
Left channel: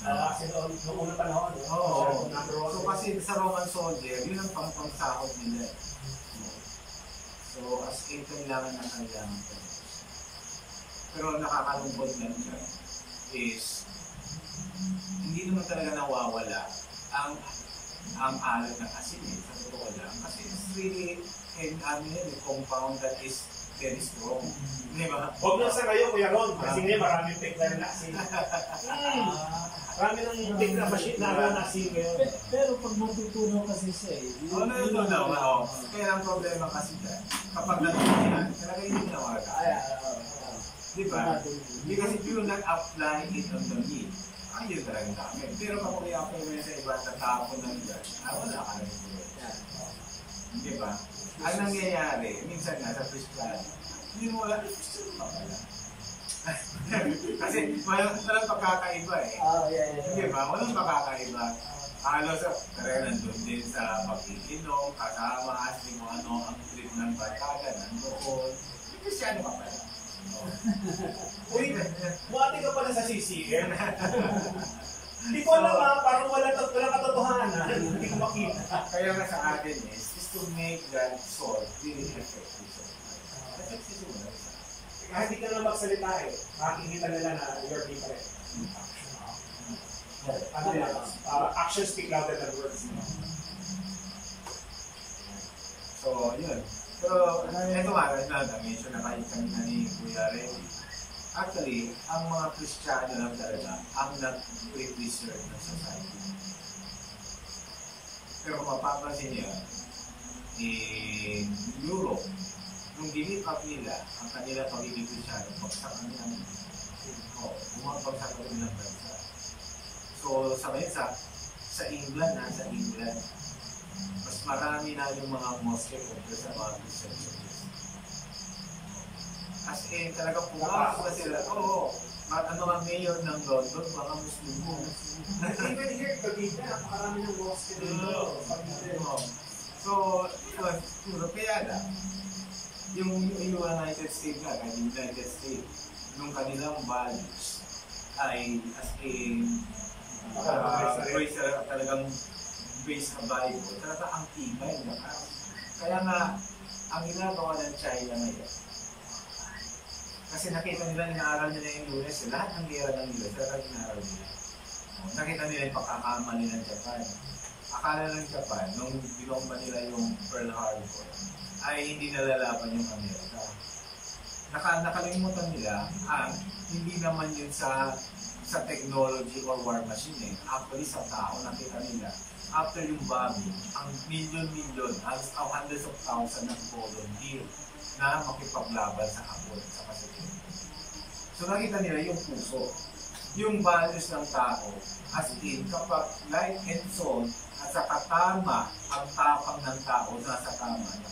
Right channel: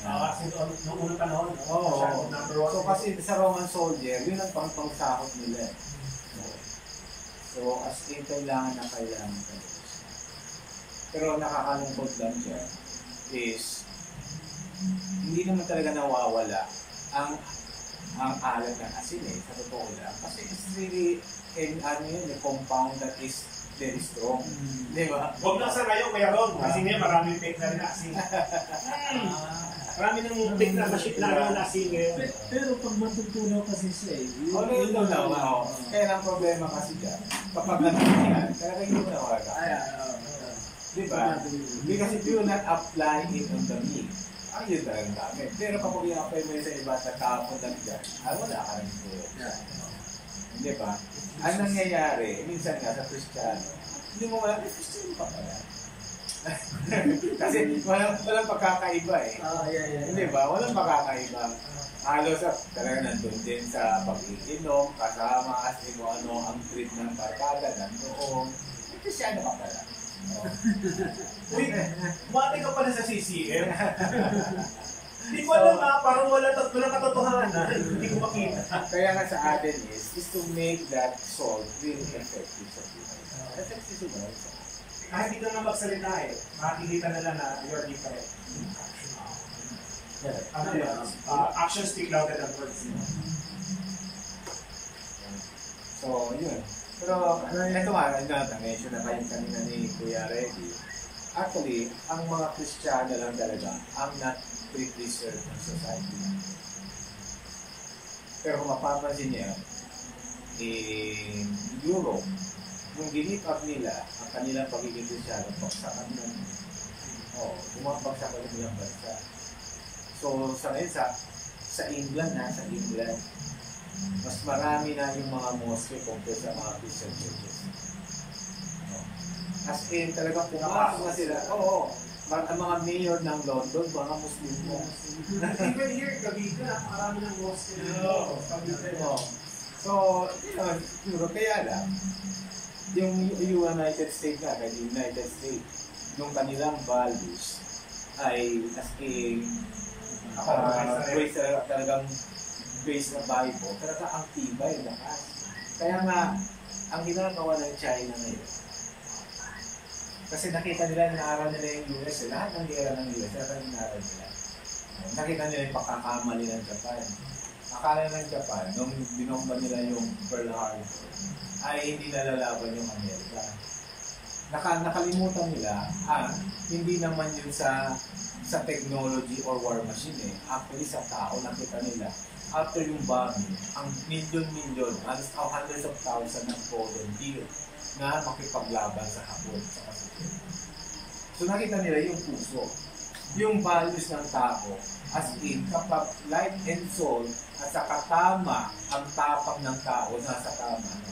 Kasi noong unang panahon, Oo. number one. So kasi sa Roman soldier, yun ang pang-sahot nila. So as in, kailangan talaga. Pero nakakalungkot lang dyan is hindi naman talaga nawawala ang alat ng asin sa totoo lang. Kasi it's really a compound that is very strong. Di ba? Huwag lang sa kayo, Kuya Ron. Kasi ngayon maraming fake na rin na asin. Marami ng fake na machine na asin ngayon. Pero pag matutunaw kasi siya natutunaw. Kaya ang problema kasi dyan, kapag natutunan, talaga hindi nawala. Di ba? Because if you not apply it on the meat, ayun talagang dami. Pero kapag i-apply mo sa iba at tapon lang dyan, wala ka rin ito. Di ba? Ang nangyayari, minsan nga sa Kristiyano, hindi mo wala, Kristiyano pa pala. Kasi walang pagkakaiba Di ba? Walang pagkakaiba. Halos talaga nandun din sa pag-iinom, kasama, as mo ano ang trip ng barkada, nandoon. Kristiyano pa pala. Uy, buwate ka pala sa CCM. Hindi ko alam parang wala katotohanan. Hindi ko makita. Kaya nga sa atin is to make that salt really effective sa people. Effective ba? Kahit hindi ka na magsalita makikita nila na you're different. Actions speak louder than words. So, yun. Pero, ito nga, na-mention na kayo kanina ni Kuya Reddy. Actually, ang mga Kristiyano lang talaga ang not preserved ng society. Pero kung mapapansin niya, in Europe, nung give up nila ang kanilang pagiging Kristiyano, pagsakan ng bumabag sa kanilang bansa. So, sa ngayon, sa England, mas marami na yung mga mosque compared sa mga Christian churches. As in, talagang pumasok na sila. Ang mga mayor ng London, mga Muslim mo. Even here, Gabiga, marami ng mosque. So, kaya lang, yung United States nung kanilang values ay as in, talagang based sa Bible, talaga ang tibay na Kaya nga, ang ginagawa ng China ngayon, kasi nakita nila, inaaral nila yung US, lahat ng gera ng US, talagang inaaral nila. Nakita nila yung pagkakamali ng Japan. Akala ng Japan, nung binomba nila yung Pearl Harbor, ay hindi nalalaban yung Amerika. Nakalimutan nila hindi naman yun sa technology or war machine Actually, sa tao, nakita nila, after yung bombing, ang million, hundreds of thousands ng volunteer na makipaglaban sa Hapon, sa Pacific. So nakita nila yung puso, yung values ng tao, as in, kapag light and soul, at saka tama, ang tapang ng tao, nasa tama na.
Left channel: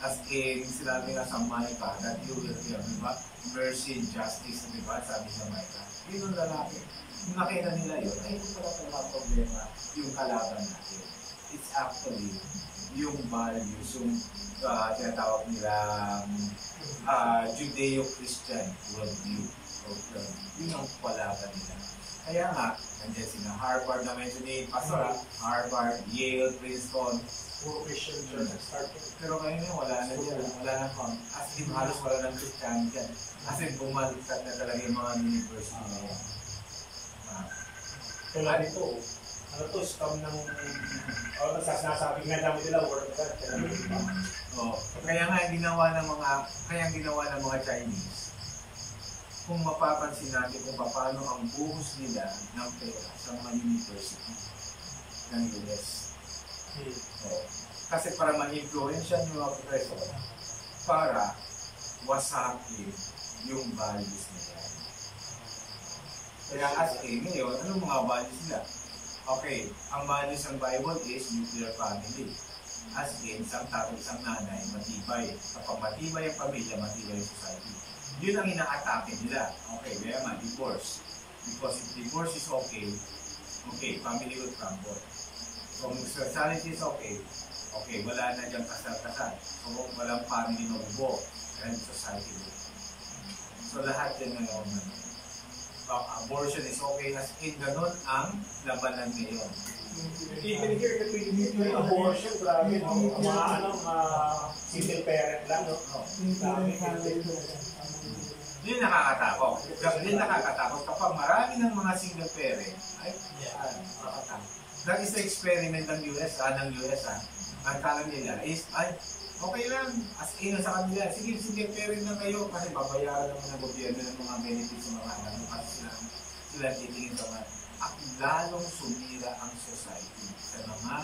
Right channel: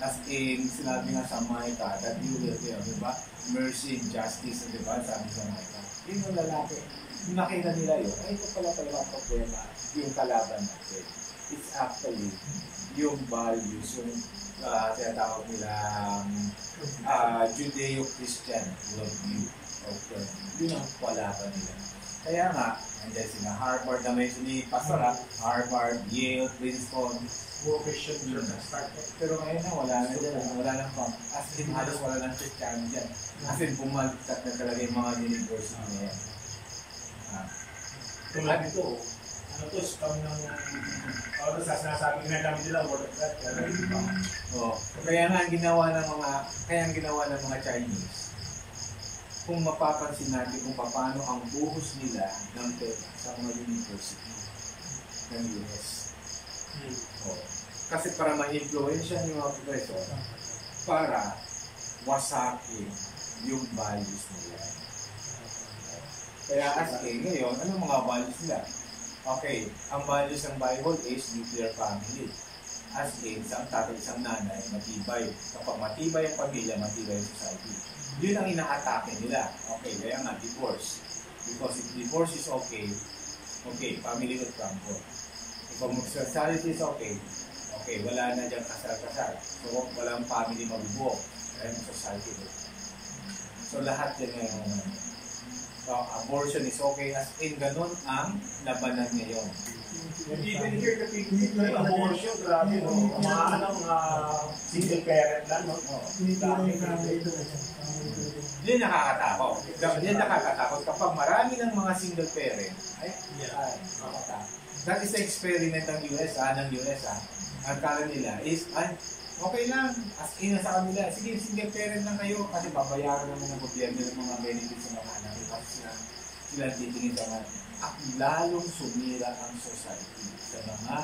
As in, sinabi nga sa Micah, that you will hear, diba? Mercy and justice, diba? Sabi sa Micah. Yun ang lalaki. Nung nakita nila yun, ay ito pala talaga ang problema, yung kalaban natin. It's actually yung values, yung tinatawag nila Judeo-Christian worldview. Yun ang kalaban nila. Kaya nga, nandiyan sila Harvard, na-mention ni Pastor, Harvard, Yale, Princeton, Christian Church started. pero ngayon na wala na dyan, wala na pang, as in halos wala ng Christian dyan. As in bumalikat na talaga yung mga university na yan. Tulad nito, scam ng, nasasabi na namin nila, word of God. Kaya nga ang ginawa ng mga Chinese, kung mapapansin natin kung paano ang buhos nila ng pera sa mga university ng US. Oh. Kasi para ma-influensya yung mga professor, para wasakin yung values nila. Kaya as ngayon, anong mga values nila? Okay, ang values ng Bible is nuclear family. As isang tatay, isang nanay, matibay. Kapag matibay ang pamilya, matibay ang society. Yun ang ina-atake nila. Okay, kaya nga, divorce. Because if divorce is okay, family will crumble. If homosexuality is okay, wala na diyang kasal-kasal. So, walang family mabubuo. And society will. So, lahat yan ngayon. Abortion is okay as in ganun ang labanan ngayon. Even here, the Philippines, abortion, grabe, no? Mga single parent lang, no? Yun nakakatakot. Yun nakakatakot kapag marami ng mga single parent, nakakatakot. That is the experiment ng US. Ang kala nila is, okay lang, as in sa kanila, sige, single parent lang kayo kasi babayaran ng mga gobyerno ng mga benefits sa mga anak kasi sila titingin sa mga at lalong sumira ang society sa mga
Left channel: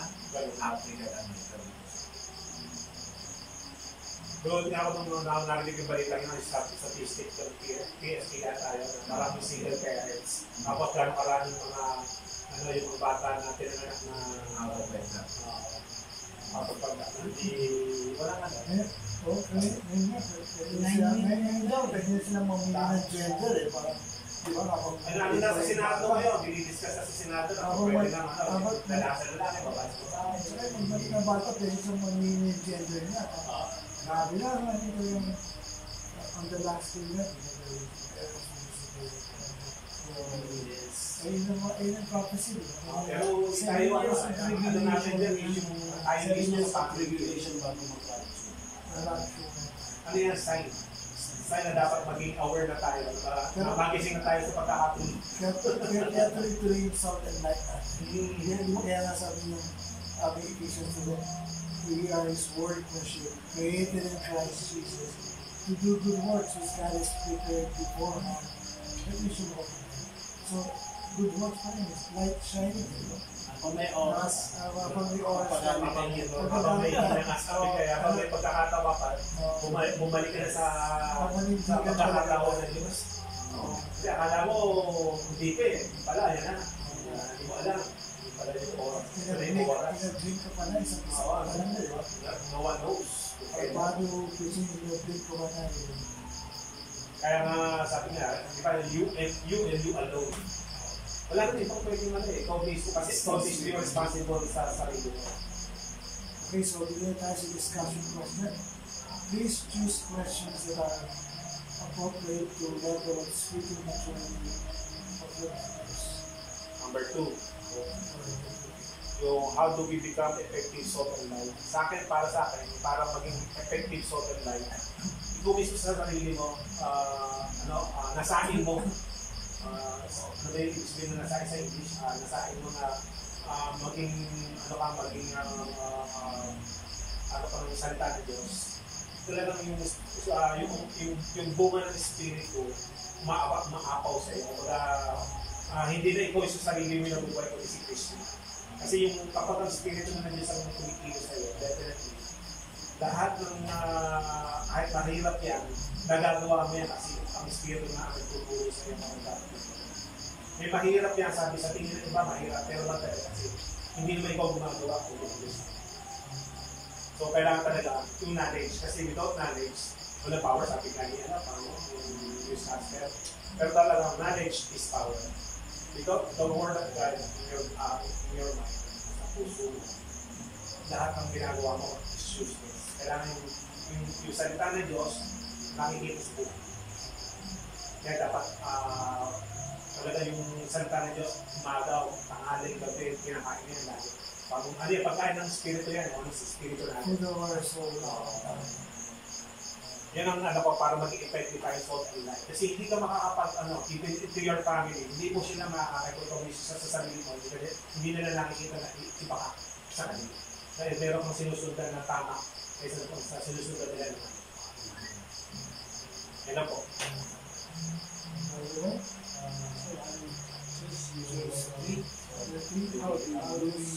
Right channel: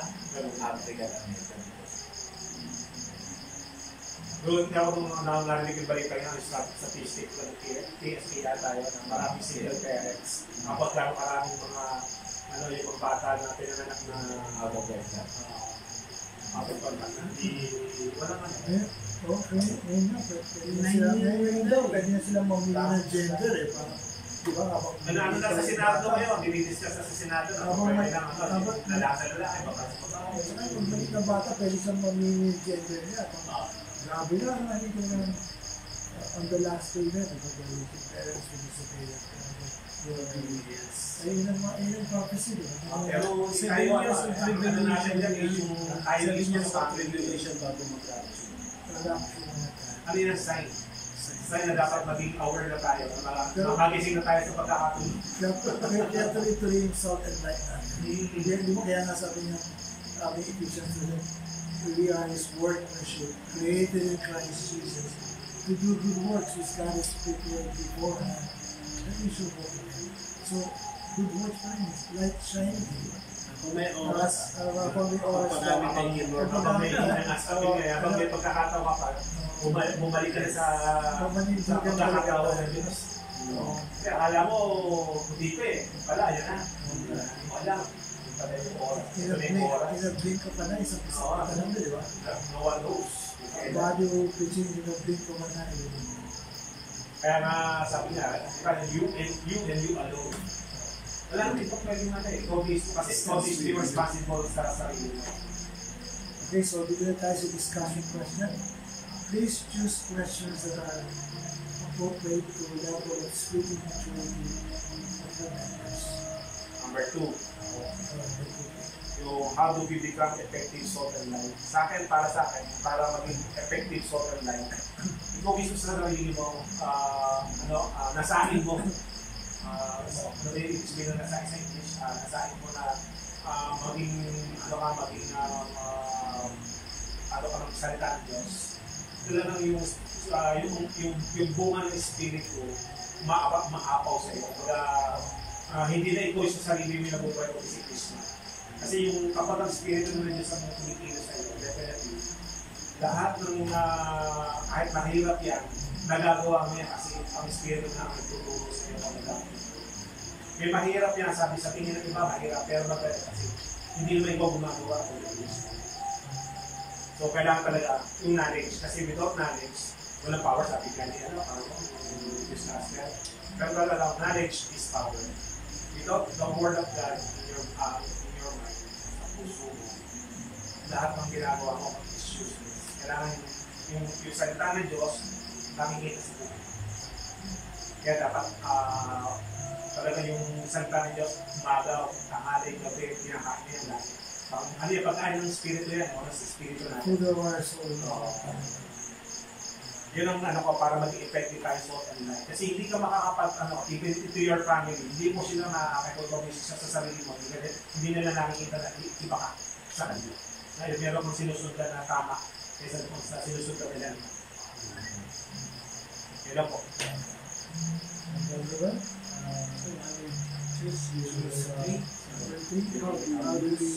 African American. Doon nga ako nung narinig yung balita ng statistic ng PSA tayo na maraming single parents. Kapag lang maraming mga yung mga bata na pinanganak na out of wedlock. Wala man. Okay, ngayon nga. Ngayon daw, pwede na silang mamili ng gender eh. Diba? Ano na sa Senado ngayon? Dinidiscuss na sa Senado na pwede lang lalaki, babae. Saka yung maliit na bata, pwede silang mamili ng gender niya. Grabe na, ano ko yung on the last day na, diba? Parents will disappear. Ayun ang prophecy, diba? Pero tayo, ano natin dyan, yung tayo mismo sa tribulation bago mag-rapture. Ano yan, sign? Sign na dapat maging aware na tayo, magising na tayo sa pagkakatuloy. Kaya tuloy-tuloy yung salt and light natin. Kaya nga sabi niyo, Ephesians 7, we are His workmanship, created in Christ Jesus, to do good works which God has prepared beforehand, that we should walk in Him. So, good works pa rin, light shining. Kung may oras, Kung may oras, Habang may pagkakatawa pa, bumalik ka na sa pagkakatawa ng Diyos. Kasi akala mo, hindi pa eh. Pala, yan na. Hindi mo alam. Hindi pala yung oras. In-blink ka pa na, isang isa ka na lang, di ba? No one knows. Bago pitching, in-blink ka pa na. Kaya nga, sabi nga, you and you alone. Wala naman ito pwedeng ikaw mismo kasi ikaw mismo responsible sa sarili mo. Okay, so dito tayo sa discussion question. Please choose questions that are appropriate to level of speaking maturity of your members. Number 2, yung how do we become effective salt and light? Para sa akin, para maging effective salt and light, ikaw mismo sa sarili mo, nasahin mo, ano ba yung sabihin na nasahin sa English, nasahin mo na maging ng salita ng Diyos. Talagang yung bunga ng Spirit ko, maapaw sa iyo. Hindi na ikaw sa sarili mo na buhay ko si Kristo. Kasi yung kapag ang Spirit ng Diyos ang tumikilos sa iyo, definitely, lahat ng kahit mahirap yan, nagagawa mo yan kasi ang Espiritu na ang tuturo sa iyo ang nagagawa. May mahirap yan, sabi sa tingin ng iba, mahirap, pero magdala kasi hindi naman ikaw gumagawa kung Diyos. So, kailangan talaga yung knowledge. Kasi without knowledge, walang power, sabi ka niya, yung master. Pero talaga, knowledge is power. Without the word of God in your mind, sa puso mo, lahat ng ginagawa mo is useless. Kailangan yung salita ng Diyos, nakikita sa buhay. Kaya dapat talaga yung salita ng Diyos, umaga, tanghali, gabi, pinakain niya lagi. Ano yung pagkain ng Espiritu yan, no? Sa Espiritu natin. Food of our soul. Yun ang para maging effective tayo salt and light. Kasi hindi ka even to your family, hindi mo sila makakapag-promise sa sarili mo. Hindi nila nakikita na iba ka sa kanila. Dahil meron kang sinusundan na tama kaysa kung sa sinusundan nila. Yan po. Number one, how do we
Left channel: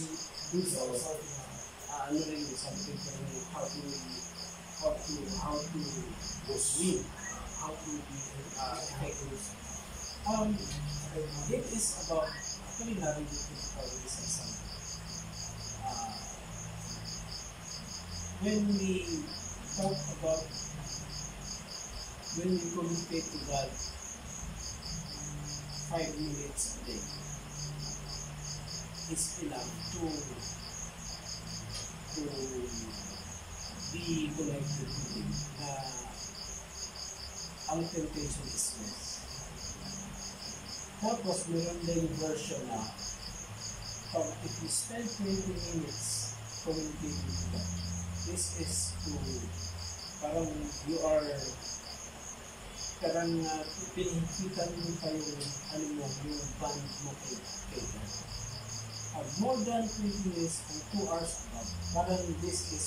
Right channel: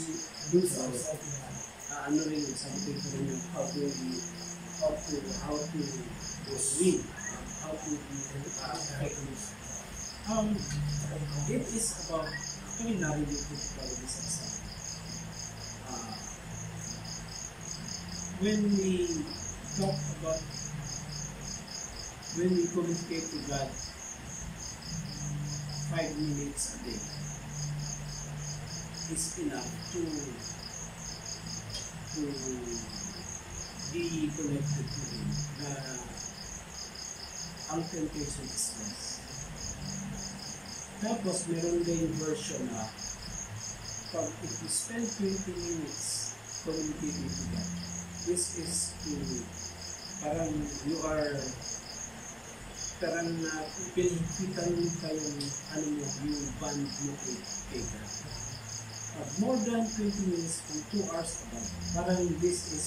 do something? Ano rin yung something ko rin yung how to win, how to be effective. It is about, actually narinig ko probably sa isang when we talk about, when we communicate to God 5 minutes a day is enough to be connected to Him na ang temptation is less. Tapos meron din yung version na pag if you spend 20 minutes communicating to God, this is to parang you are parang pinihigpitan mo kayong ano mo, yung band mo kay God. More than 20 minutes and 2 hours above. Parang this is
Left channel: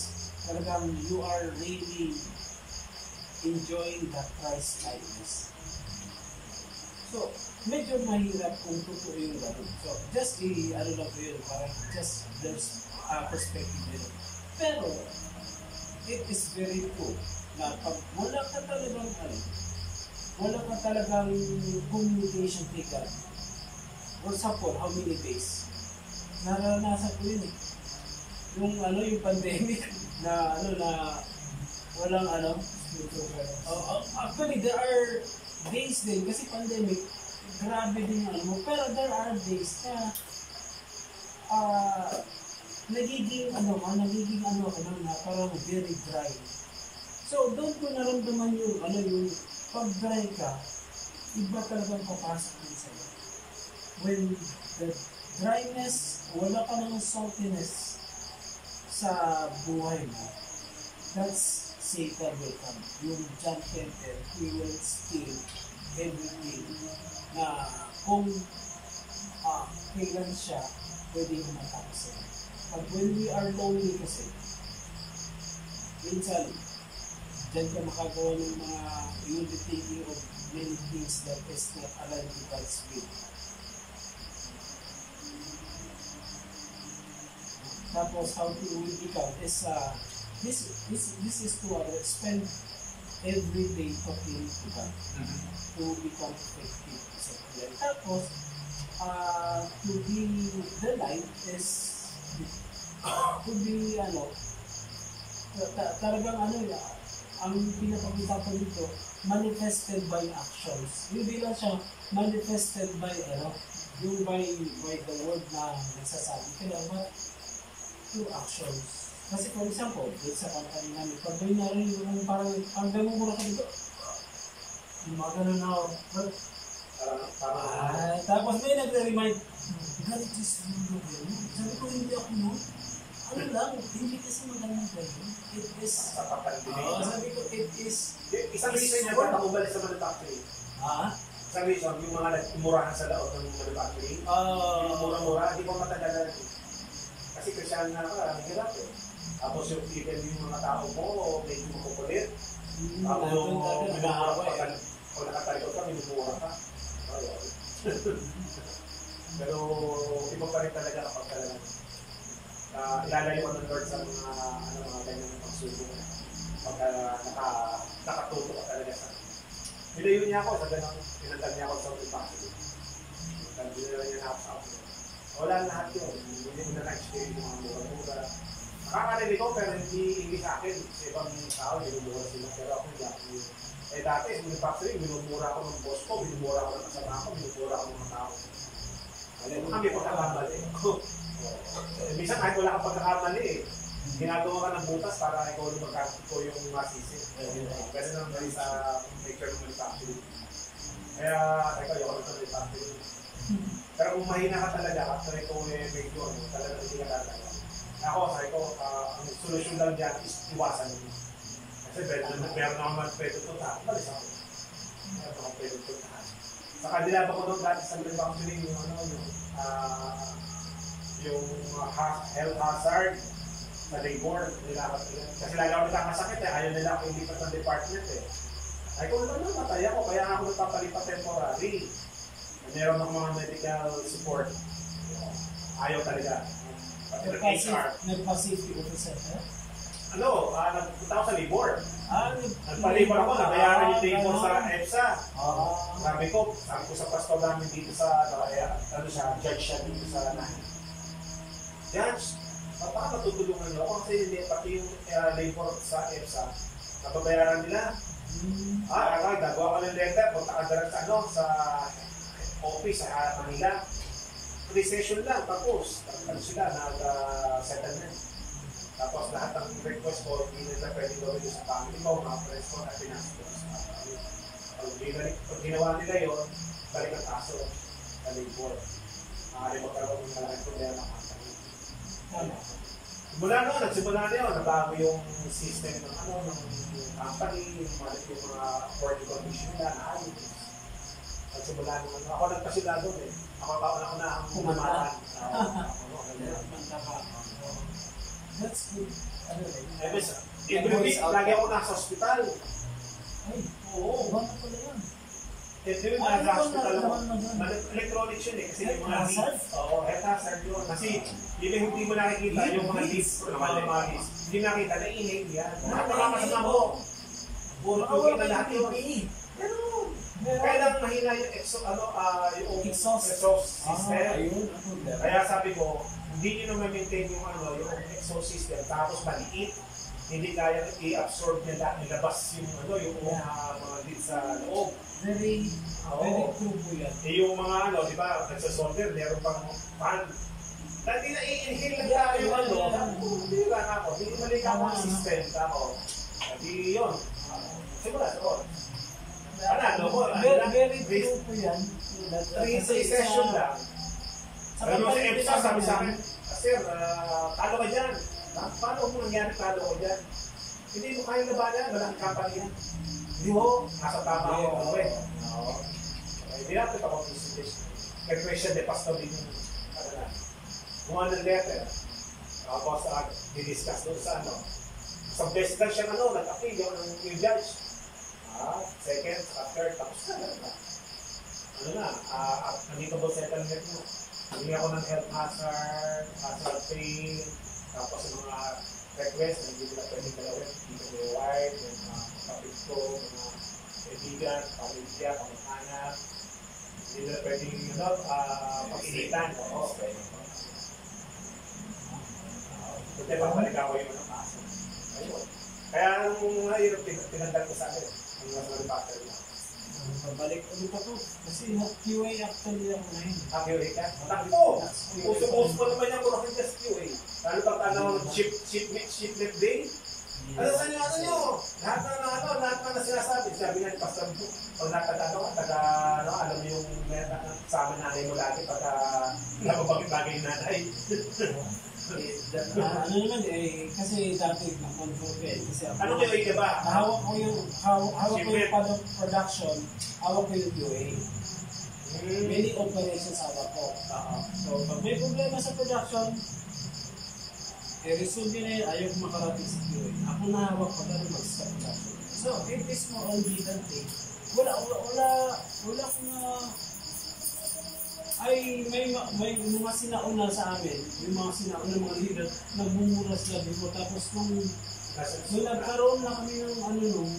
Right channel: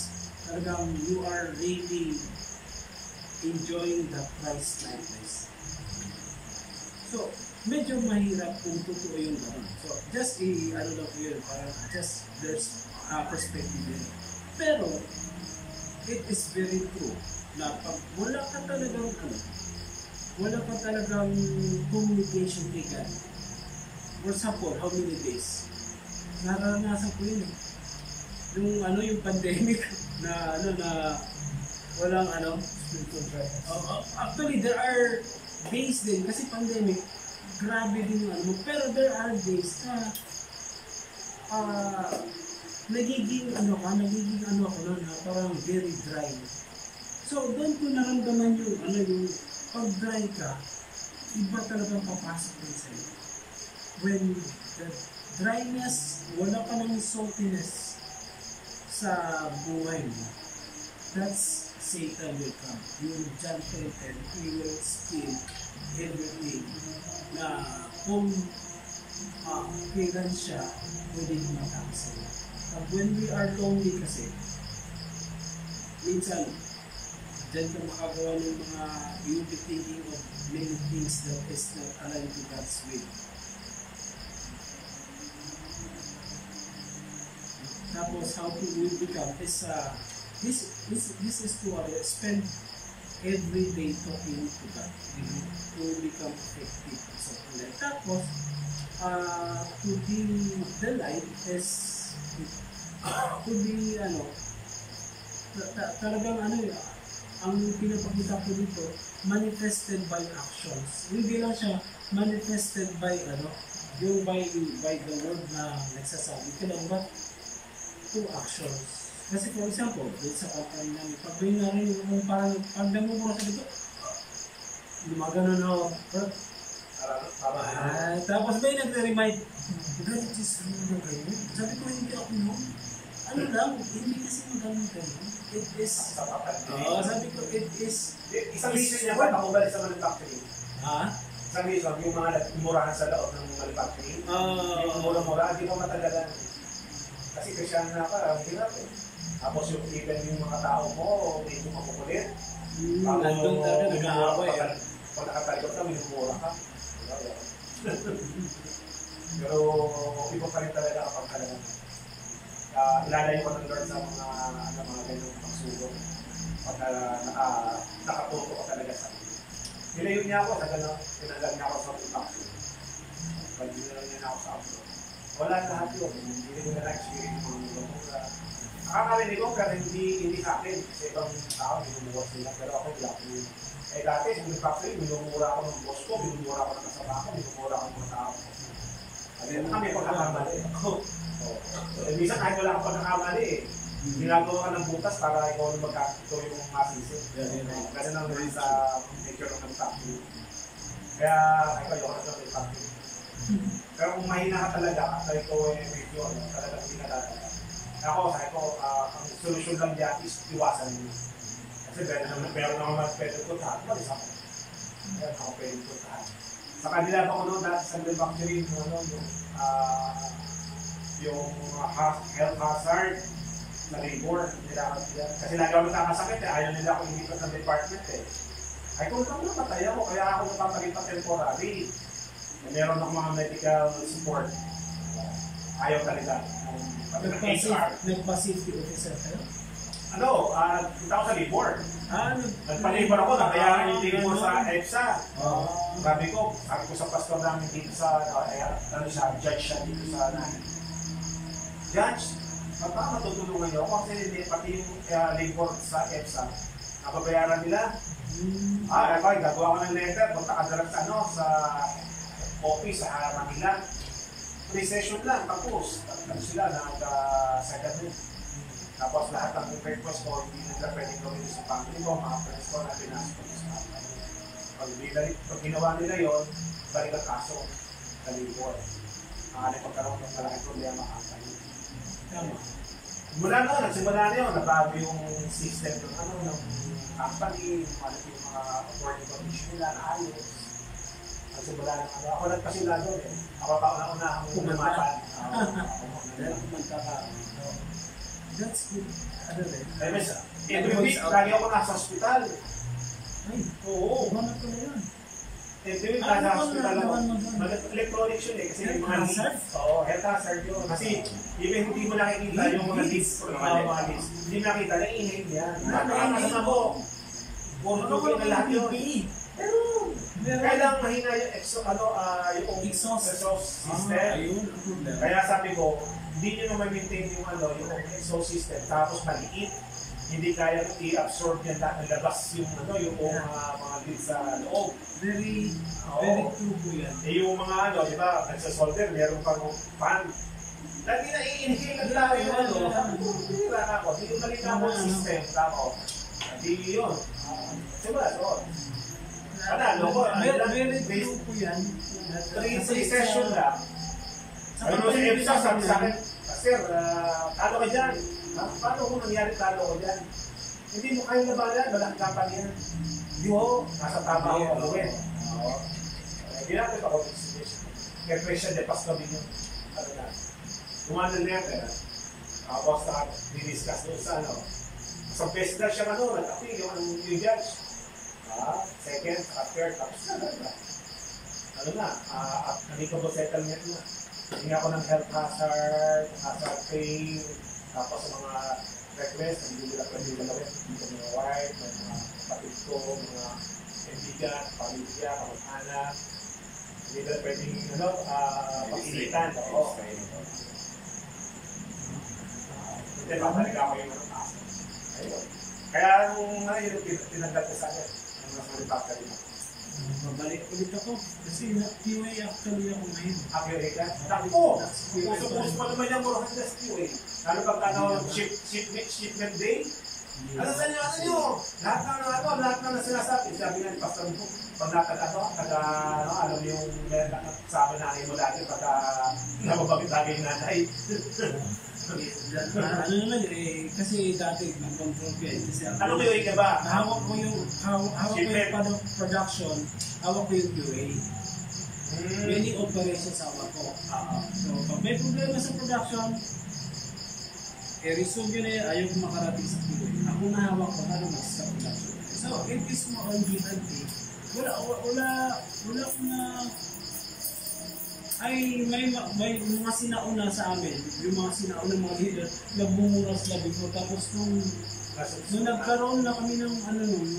talagang you are really enjoying the Christ likeness. So, medyo mahirap kung totoo yung gano'n. So, just ano lang po yun, parang just there's perspective nila. Pero, it is very true na pag wala ka talagang communication kay God. For example, how many days? Naranasan ko yun eh. Yung pandemic na walang actually there are days din kasi pandemic grabe din yung pero there are days na nagiging ako na parang very dry. So doon ko naramdaman yung pag dry ka, iba talagang papasok din sa'yo. When the dryness, wala ka ng saltiness sa buhay mo, that's Satan will come. Yung John 10:10, he will steal everything na kung kailan siya pwede humatang sa'yo. Pag when we are lonely kasi, minsan, dyan ka makagawa ng mga, you'll be thinking of many things that is not aligned to God's will. Tapos how to we become is this is to spend every day talking to God to become effective. So tapos to be the light is to be talagang ang pinapakita ko dito manifested by actions. Hindi lang siya manifested by yung by the word na nagsasabi ka lang ba to actions. Kasi for example, dito sa company namin, pag may narinig kung parang pag namumura ka dito, lumagano na ako. Tapos may nagre-remind, God, it is true na kayo. Sabi ko, hindi ako hindi kasi magamang kayo. It is, sabi ko, it is, isang reason niya ba't ako balik sa manufacturing? Isang reason, yung mga nagmurahan sa loob ng manufacturing, yung mura-mura, di ba matagalan? Kasi Christian na ka, hirap eh. Tapos yung even yung mga tao mo, medyo makukulit. Nandun talaga nag-aaway. Pag nakatalikot ka, minumura ka. Pero iba pa rin talaga kapag talagang ilalayo ko ng Lord sa mga ganyang pagsubok. Pag nakatuto ka talaga sa akin. Nilayo niya ako sa ganang, pinandag niya ako sa manufacturing. Nilayo niya ako sa outdoor. Wala lahat yun. Hindi ko na na-experience yung mga mura-mura. Nakakarinig ko pero hindi sa akin. Sa ibang tao, minumura sila. Pero ako yung laki yun. Eh dati, sa manufacturing, minumura ako ng boss ko, minumura ako ng kasama ko, minumura ako ng mga tao. Kami pagkakamali. Minsan kahit wala kang pagkakamali eh. Ginagawa ka ng butas para ikaw yung masisi. Kasi nang dahil sa nature ng manufacturing. Kaya, ayoko na sa manufacturing. Pero kung mahina ka talaga, at ito medyo talaga hindi ka talaga. Ako, sabi ko, ang solusyon lang dyan is iwasan mo. Kasi meron naman mag-pwede ko tahan. Malis ako. Meron ako pwede ko tahan. Sa kanila ba ko doon dati sa manufacturing, yung health hazard na labor nila. Kasi lagi ako nagkakasakit ayaw nila ako imbita ng department Ay, kung naman namatay ako, kaya ako napapalipat temporary. Meron akong mga medical support. Ayaw talaga. Nagpa-safety officer kayo? Ano, punta ako sa labor. Nagpa-labor ako, nabayaran yung labor sa EPSA. Sabi ko sa pastor namin dito sa, judge siya dito sa nahin. Judge, paano tutulungan niyo ako? Kasi pati yung labor sa EPSA, napabayaran nila. Okay, gagawa ko ng letter, punta ka dala sa office sa Manila. Pre-session lang, tapos sila nag-secondment. Tapos lahat ng request ko, hindi nila pwedeng gawin sa family mo, mga friends ko na pinasok sa pag ginawa nila yon, balik ang kaso sa labor. Maaari magkaroon ng malaking problema ang company. Mula noon, nagsimula na yun, nabago yung system ng company, malit yung mga working condition nila, naayos. Nagsimula naman, ako nagpasila doon eh. Ako kauna-una ang pumatan. That's good. Every week, lagi ako nasa hospital. Ay, oo. Ano pala yan? Every week, nasa hospital ako. Electronics yun eh. Kasi yung mga leads. Oo, health hazard yun. Kasi hindi mo nakikita yung mga leads. Hindi nakita, na-inhale yan. Nakakasama mo. Puro tuloy na lahat yun. Pero, kailangan mahina yung exhaust system. Kaya sabi ko, hindi nyo na ma-maintain yung exhaust system, tapos maliit. Hindi kaya i-absorb yan dahil labas yung mga leads sa loob. Very true po yan. Yung mga di ba, nagsasolder, meron pang fan. Lagi na i-inhale lang tayo yung hindi ba ako, hindi ko malika ang system. Tapos, hindi yun. Simula doon. Very true po yan. 3 session lang. Ano sa EPSA, sabi sa akin, Sir, talo ka dyan. Paano mo nangyari talo ko dyan? Hindi mo kaya labanan, malaking company yan. Hindi mo, nasa tama ako. Hindi natin pa conversation. Kaya question de pastor din yung kumanda letter. Tapos di-discuss doon sa sa best na siya nag-appeal yung judge. Second, third, tapos amicable settlement na. Hindi ako ng health hazard pay, tapos sa mga request, hindi nila pwede galawin. Dito may wife, may mga kapatid ko, mga kaibigan, pamilya, kamag-anak. Hindi nila pwedeng pag-ilitan. Hindi babalik ako yung kaso. Kaya yung tinanggap ko sa akin, yung mas manufacturer na. Babalik ulit ako kasi QA actually ako na yun. QA ka? Ako! Puso-puso pa naman yung Burhan Gas QA. Lalo pag shipment day. Ano sa inyo? Lahat na sinasabi. Sabi nga ni Pastor Book, pag alam yung sama nanay mo lagi pagka nababagay nanay. Kasi dati na-control ko eh. Ano QA ka ba? Hawak ko yung production, hawak ko yung QA. Many operations hawak ko. So, pag may problema sa production, i-resolve yun na yan, ayaw ko makarating sa QA. Ako na hawak ko, paano mag-stop production. So, it is more on give and take. Wala ko na may mga sinauna sa amin, yung mga sinauna mga leader, nagbumura sila before. Tapos nung nagkaroon na kami ng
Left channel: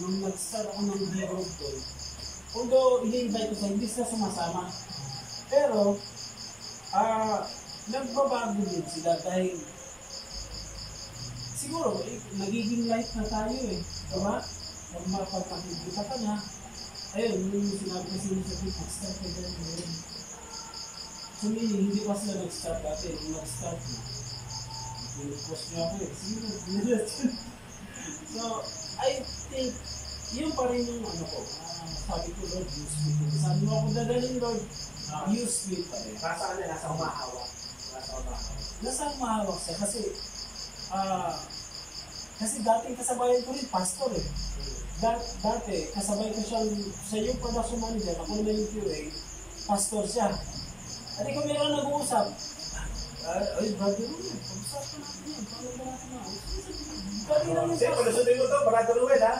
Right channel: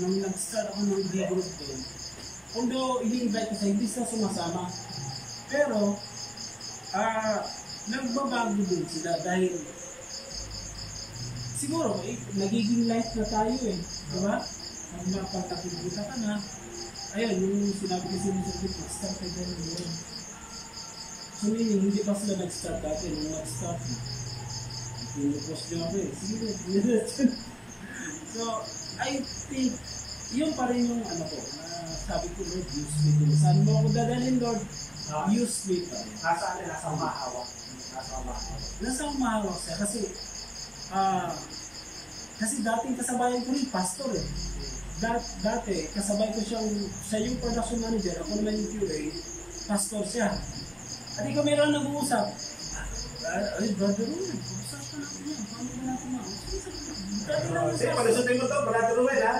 nung nag-start ako ng group doon, although ini-invite ko sa hindi sila sumasama, pero nagbabago din sila dahil siguro nagiging light na tayo eh, diba? Pag mapagtakita ka na, ayun, nung sinabi kasi ni Sir Vic, start na dyan. So meaning, hindi pa sila nag-start dati. Nung nag-start, pinupost niya ako eh. Sige na, so, I think, yun pa rin yung sabi ko, Lord, use me. Saan mo ako dadalhin, Lord? Use me pa rin. Nasa umahawak. Nasa umahawak siya kasi dating kasabayan ko rin, pastor eh. Dati, kasabay ko siya yung production manager, ako naman yung QA, pastor siya. At ikaw meron nag-uusap. Ay, brother Ruel, pag-usapan natin yan. Paano ba natin yan? Pag-usapan mo ito, brother Ruel ha?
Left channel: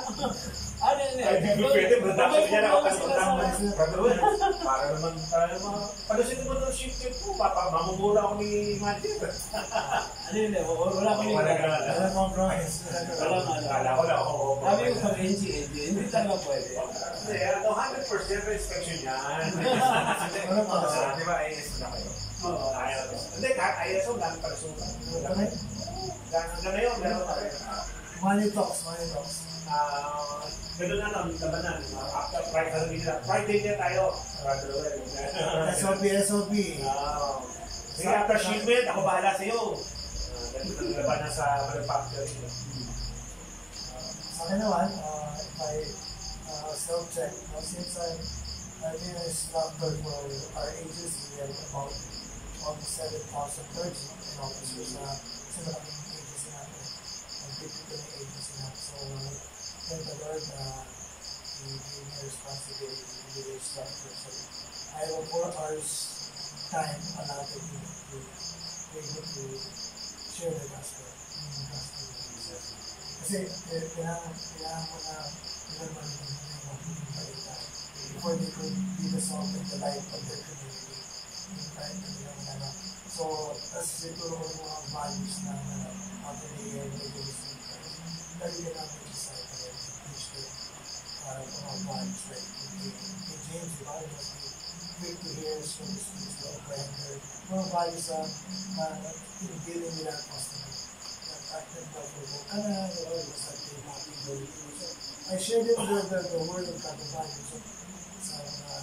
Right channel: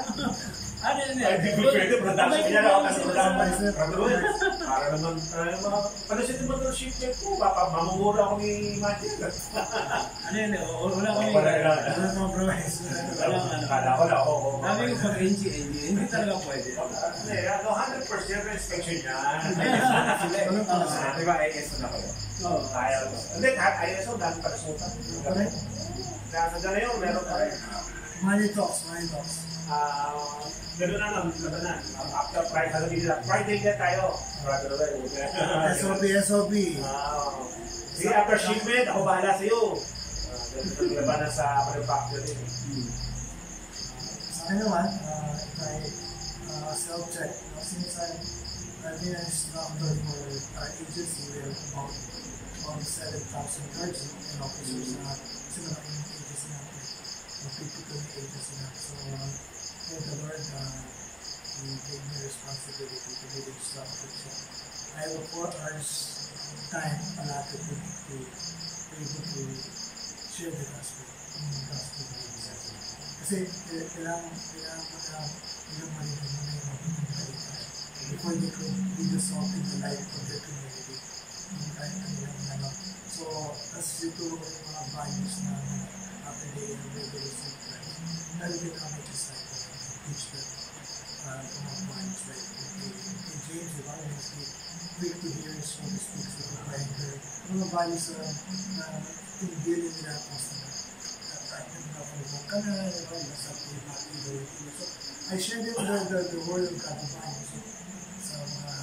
Ano yun? Ay, di ko pwede, production niya nakapasok lang. Production. Para naman tayo mga... Ano si naman ng ship niya po? Baka mamumura ako ni Magic. Ano yun? Wala kami. Wala compromise. Walang ano. Kala ko lang ako. Sabi ko pag NG, hindi talaga pwede. Hindi, 100% inspection yan. Di ba ISO na kayo? Oo. Ayaw. Hindi, kahit ISO, dami kalusutan. Hanggang ngayon, meron pa rin. Money talks. Gano'n na lang, labanan. After Friday na tayo. SOP. Sige, after shipment, ako bahala sa'yo. Ganito ang labanan sa manufacturing. Sa akin naman, if I self-check, since I've been an instructor for our agency, we have about 7,000 clergy and officers na kasi malaking agency natin. Typical agency natin. So, thank the Lord, He gave me a responsibility to be the instructor. So, I have a 4 hours time allotted to me to be able to share the gospel. Kasi kailangan mo na ilang malimang tayo before they could be the salt in the light of their community. Hindi tayo kanilang ano. So, tas ituro ko yung mga values na after they are ready to receive Christ. Lalagyan namin sa cycle and teach them mga values like in James, the Bible must be quick to hear, slow to speak, slow to anger. Mga values na in-dealing nila ang customer. So, I shared it the word of God, the Bible, sa mga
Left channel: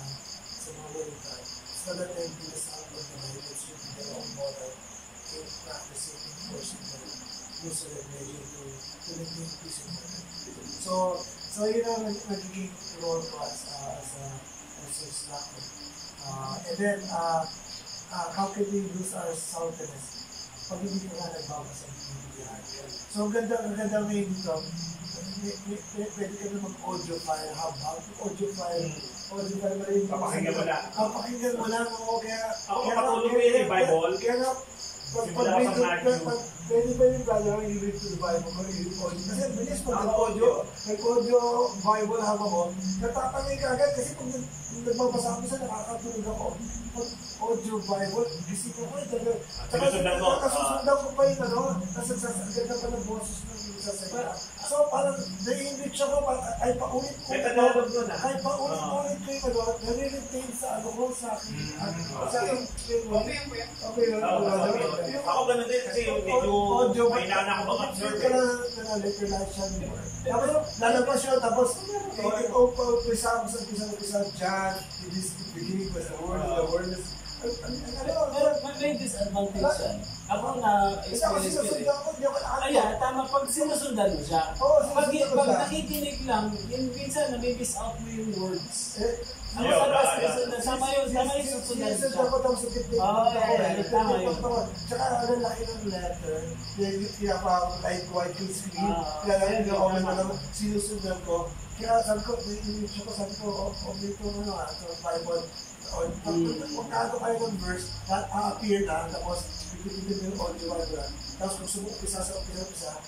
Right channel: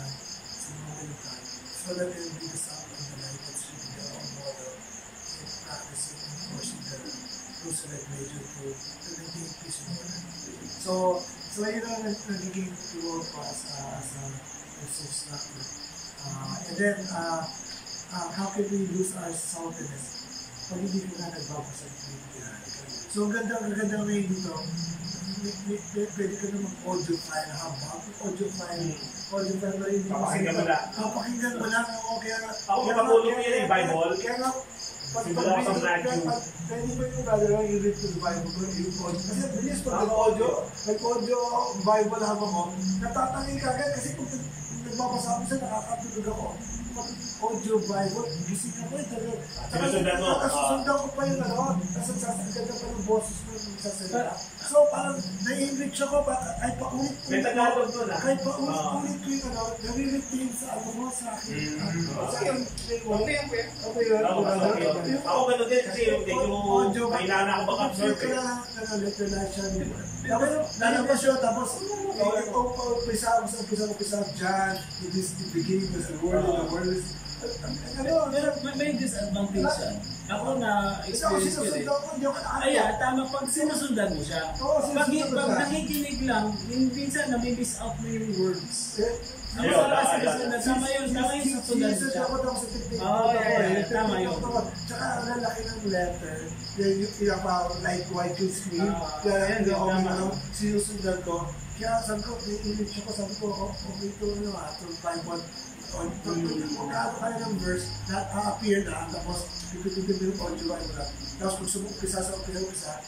word of God, so that they will be the sound of the light that should be their own model in practicing, enforcing the rules of major to maintain peace in the world. So yun ang nagiging role ko as a instructor. And then, how can we lose our saltiness? Pag hindi ko na nagbabasa ng bibigyan. So, ang ganda ngayon dito, pwede ka na mag-audio file, habang audio file na rin. Papakinggan mo lang. Ako kapatuloy mo yun yung Bible. Kaya nga, pwede ba yung brother i-read to the Bible ko, kasi bilis pag nag-audio Bible habang mo, natatangay ka agad kasi kung nagbabasa ako sa nakakatulog ako. Audio Bible, gising ako nakasundan ko pa yung nasasagad na pa ng boses mo yung sasalita. So parang na-enrich ako, ay paulit-ulit kahit paulit-ulit ko yung nare-retain sa ano ko, sa akin. Okay yun. Ako gano'n din kasi medyo kailangan ako mag-absorb. Ka na letter life siya. Tapos lalabas siya, tapos umpisa John, it is the beginning was the word, and the word is may disadvantage yan. Ako na experience ko rin. Kaya tama pag sinusundan mo siya. Pag nakikinig lang, minsan na-miss out mo yung words. Ako pala sinusundan. Tama yun susundan siya. Tama yun. Tsaka ang laki ng letter, like white yung screen, kaya sinusundan ko. Kaya sabi ko, okay po Bible. Kung kato kayo ng verse, appear na, tapos pipipipin yung audio Bible. Tapos kung sumumpisa sa umpisa,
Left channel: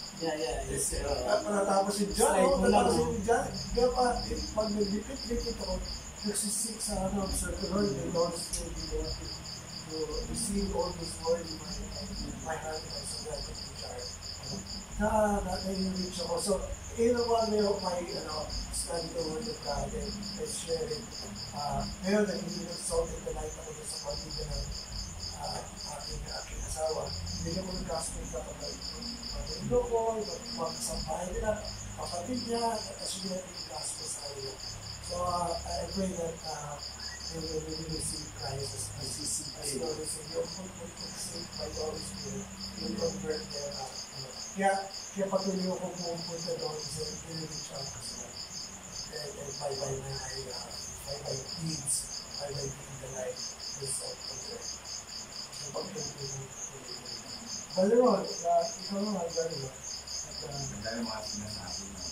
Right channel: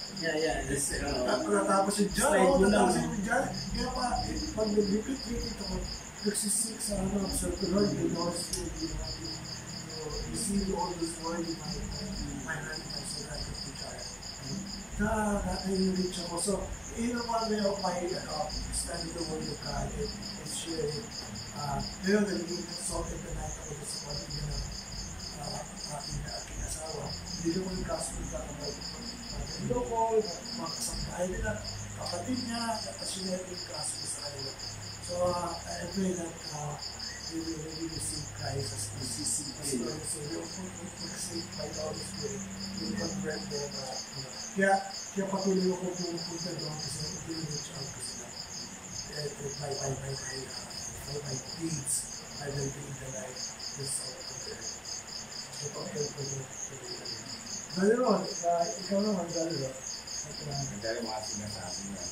natapos yung dyan, kaya pag nag-repeat ako, nagsisik sa circular, the Lord's will be the one to receive all this word in my hand, and so that I can teach it. Na-enrich ako. So, in one way of my study the word of God and share it. Ngayon, nagiging exalted the night ako sa pamilya ng aking asawa. Hindi ko nag-gospel pa ako pag-ilo ko, magkasampahay nila, kapatid niya, nakasulat yung gospel sa kanila. So, I pray that we will really receive Christ as Lord and Savior. Mag-receive by the Holy Spirit, will convert them. Kaya patuloy ako pumunta doon kasi i-reach out ko sila. By deeds, by being the light, this of the earth. So, pag-pray mo. Galero, ikaw naman, Galero. Ang dahil mga sinasabi na.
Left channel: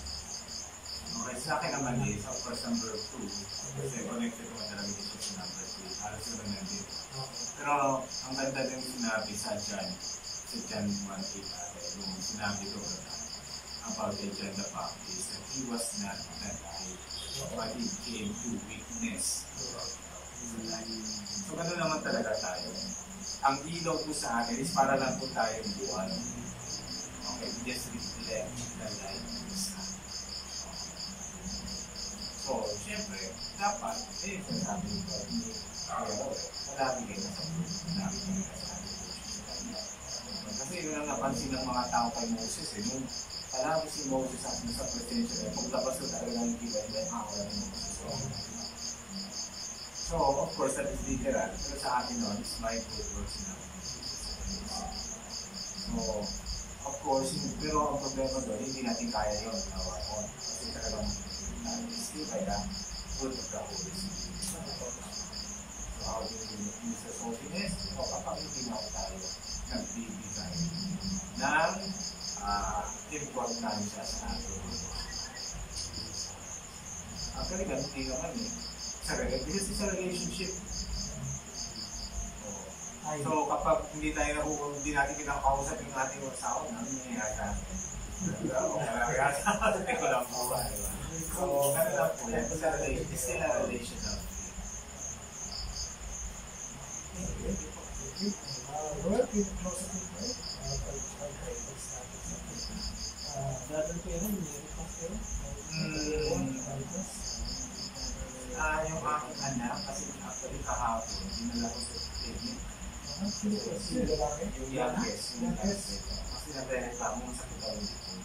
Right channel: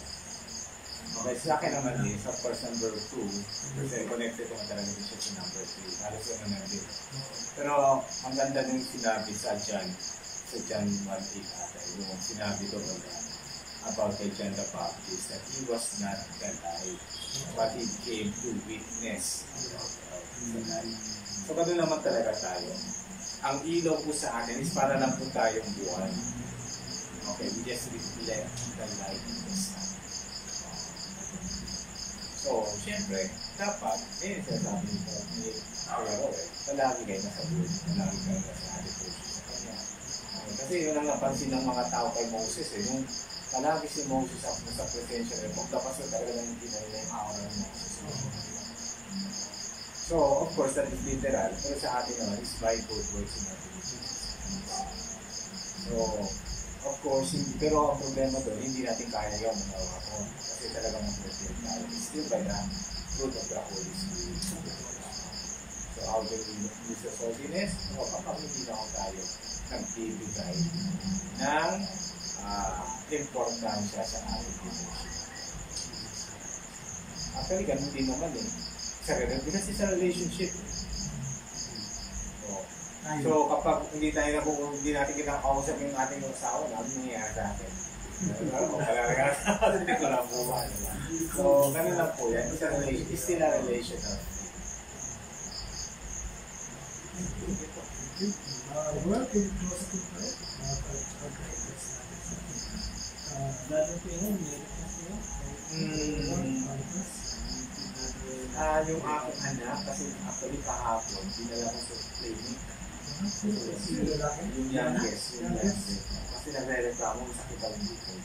Okay, sa akin naman sa course number 2, kasi connected naman talaga din siya sa number 3. Halos yun na din. Pero ang ganda din sinabi sa John 1:8 ata, yung sinabi ko ba about kay John the Baptist that he was not alive, but he came to witness the life. So gano'n naman talaga tayo. Ang ilaw po sa atin is para lang po tayong buwan. Okay, we just reflect the light in the sun. So, syempre, dapat, sasabi nito ni Kuya palagi kayo nasa buwan, palagi kayo nasa devotion sa kanya. Kasi yun ang napansin ng mga tao kay Moses nung palagi si Moses at nasa presensya niya, paglapas na talaga lang kita nila yung aura ni Moses. So, of course, that is literal, pero sa atin naman is by good works in our So, of course, pero ang problema doon, hindi natin kaya yun magawa ko. Kasi talagang mag-present tayo. Still by the fruit of the Holy Spirit. So, how do we use the holiness? O kapag hindi na ako tayo nagbibigay ng importansya sa ating devotion. Actually, ganun din naman kasi sa relationship. So kapag hindi natin kinakausap yung ating asawa, ano nangyayari sa atin? Hindi ko lang po. So, gano'n lang po yan. It's still a relation of Well, can you close it in prayer? Yung aking anak, kasi actually kahapon, dinala ko sa clinic. Yung youngest. Kasi nagre-reklamo ng sakit ang likod.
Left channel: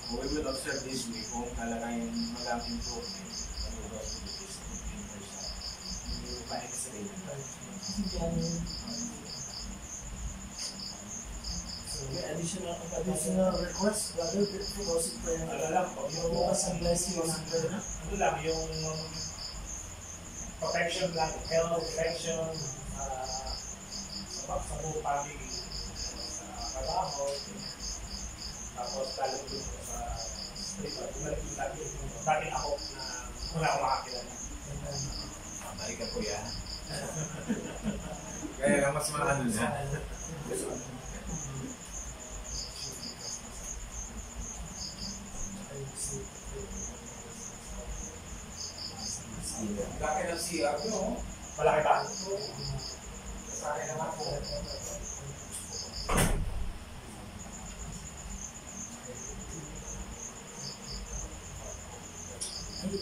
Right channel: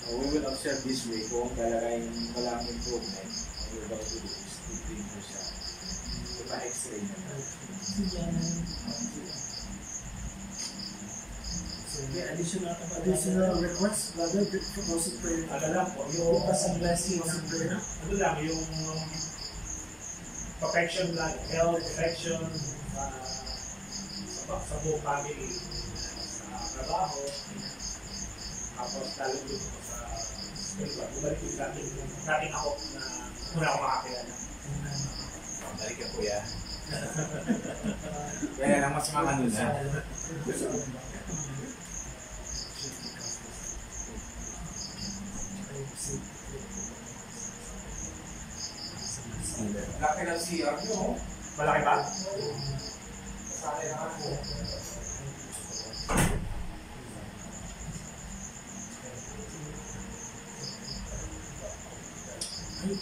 So we will observe this week kung talagang walang improvement. What we're going to do is to bring her sa ipa-x-ray na tayo. So, may additional request, brother, close in prayer. Ano lang po, yung blessing ng ano lang, yung protection lang, health, protection, sa buong family, sa trabaho, tapos lalo dito ko sa spiritual. Bumalik yung dating ako na muna ako makakilala. Balik ka po yan. Kaya lang mas maano na. Laki ng CR nyo. Malaki ba? Sa akin na ako. Ay,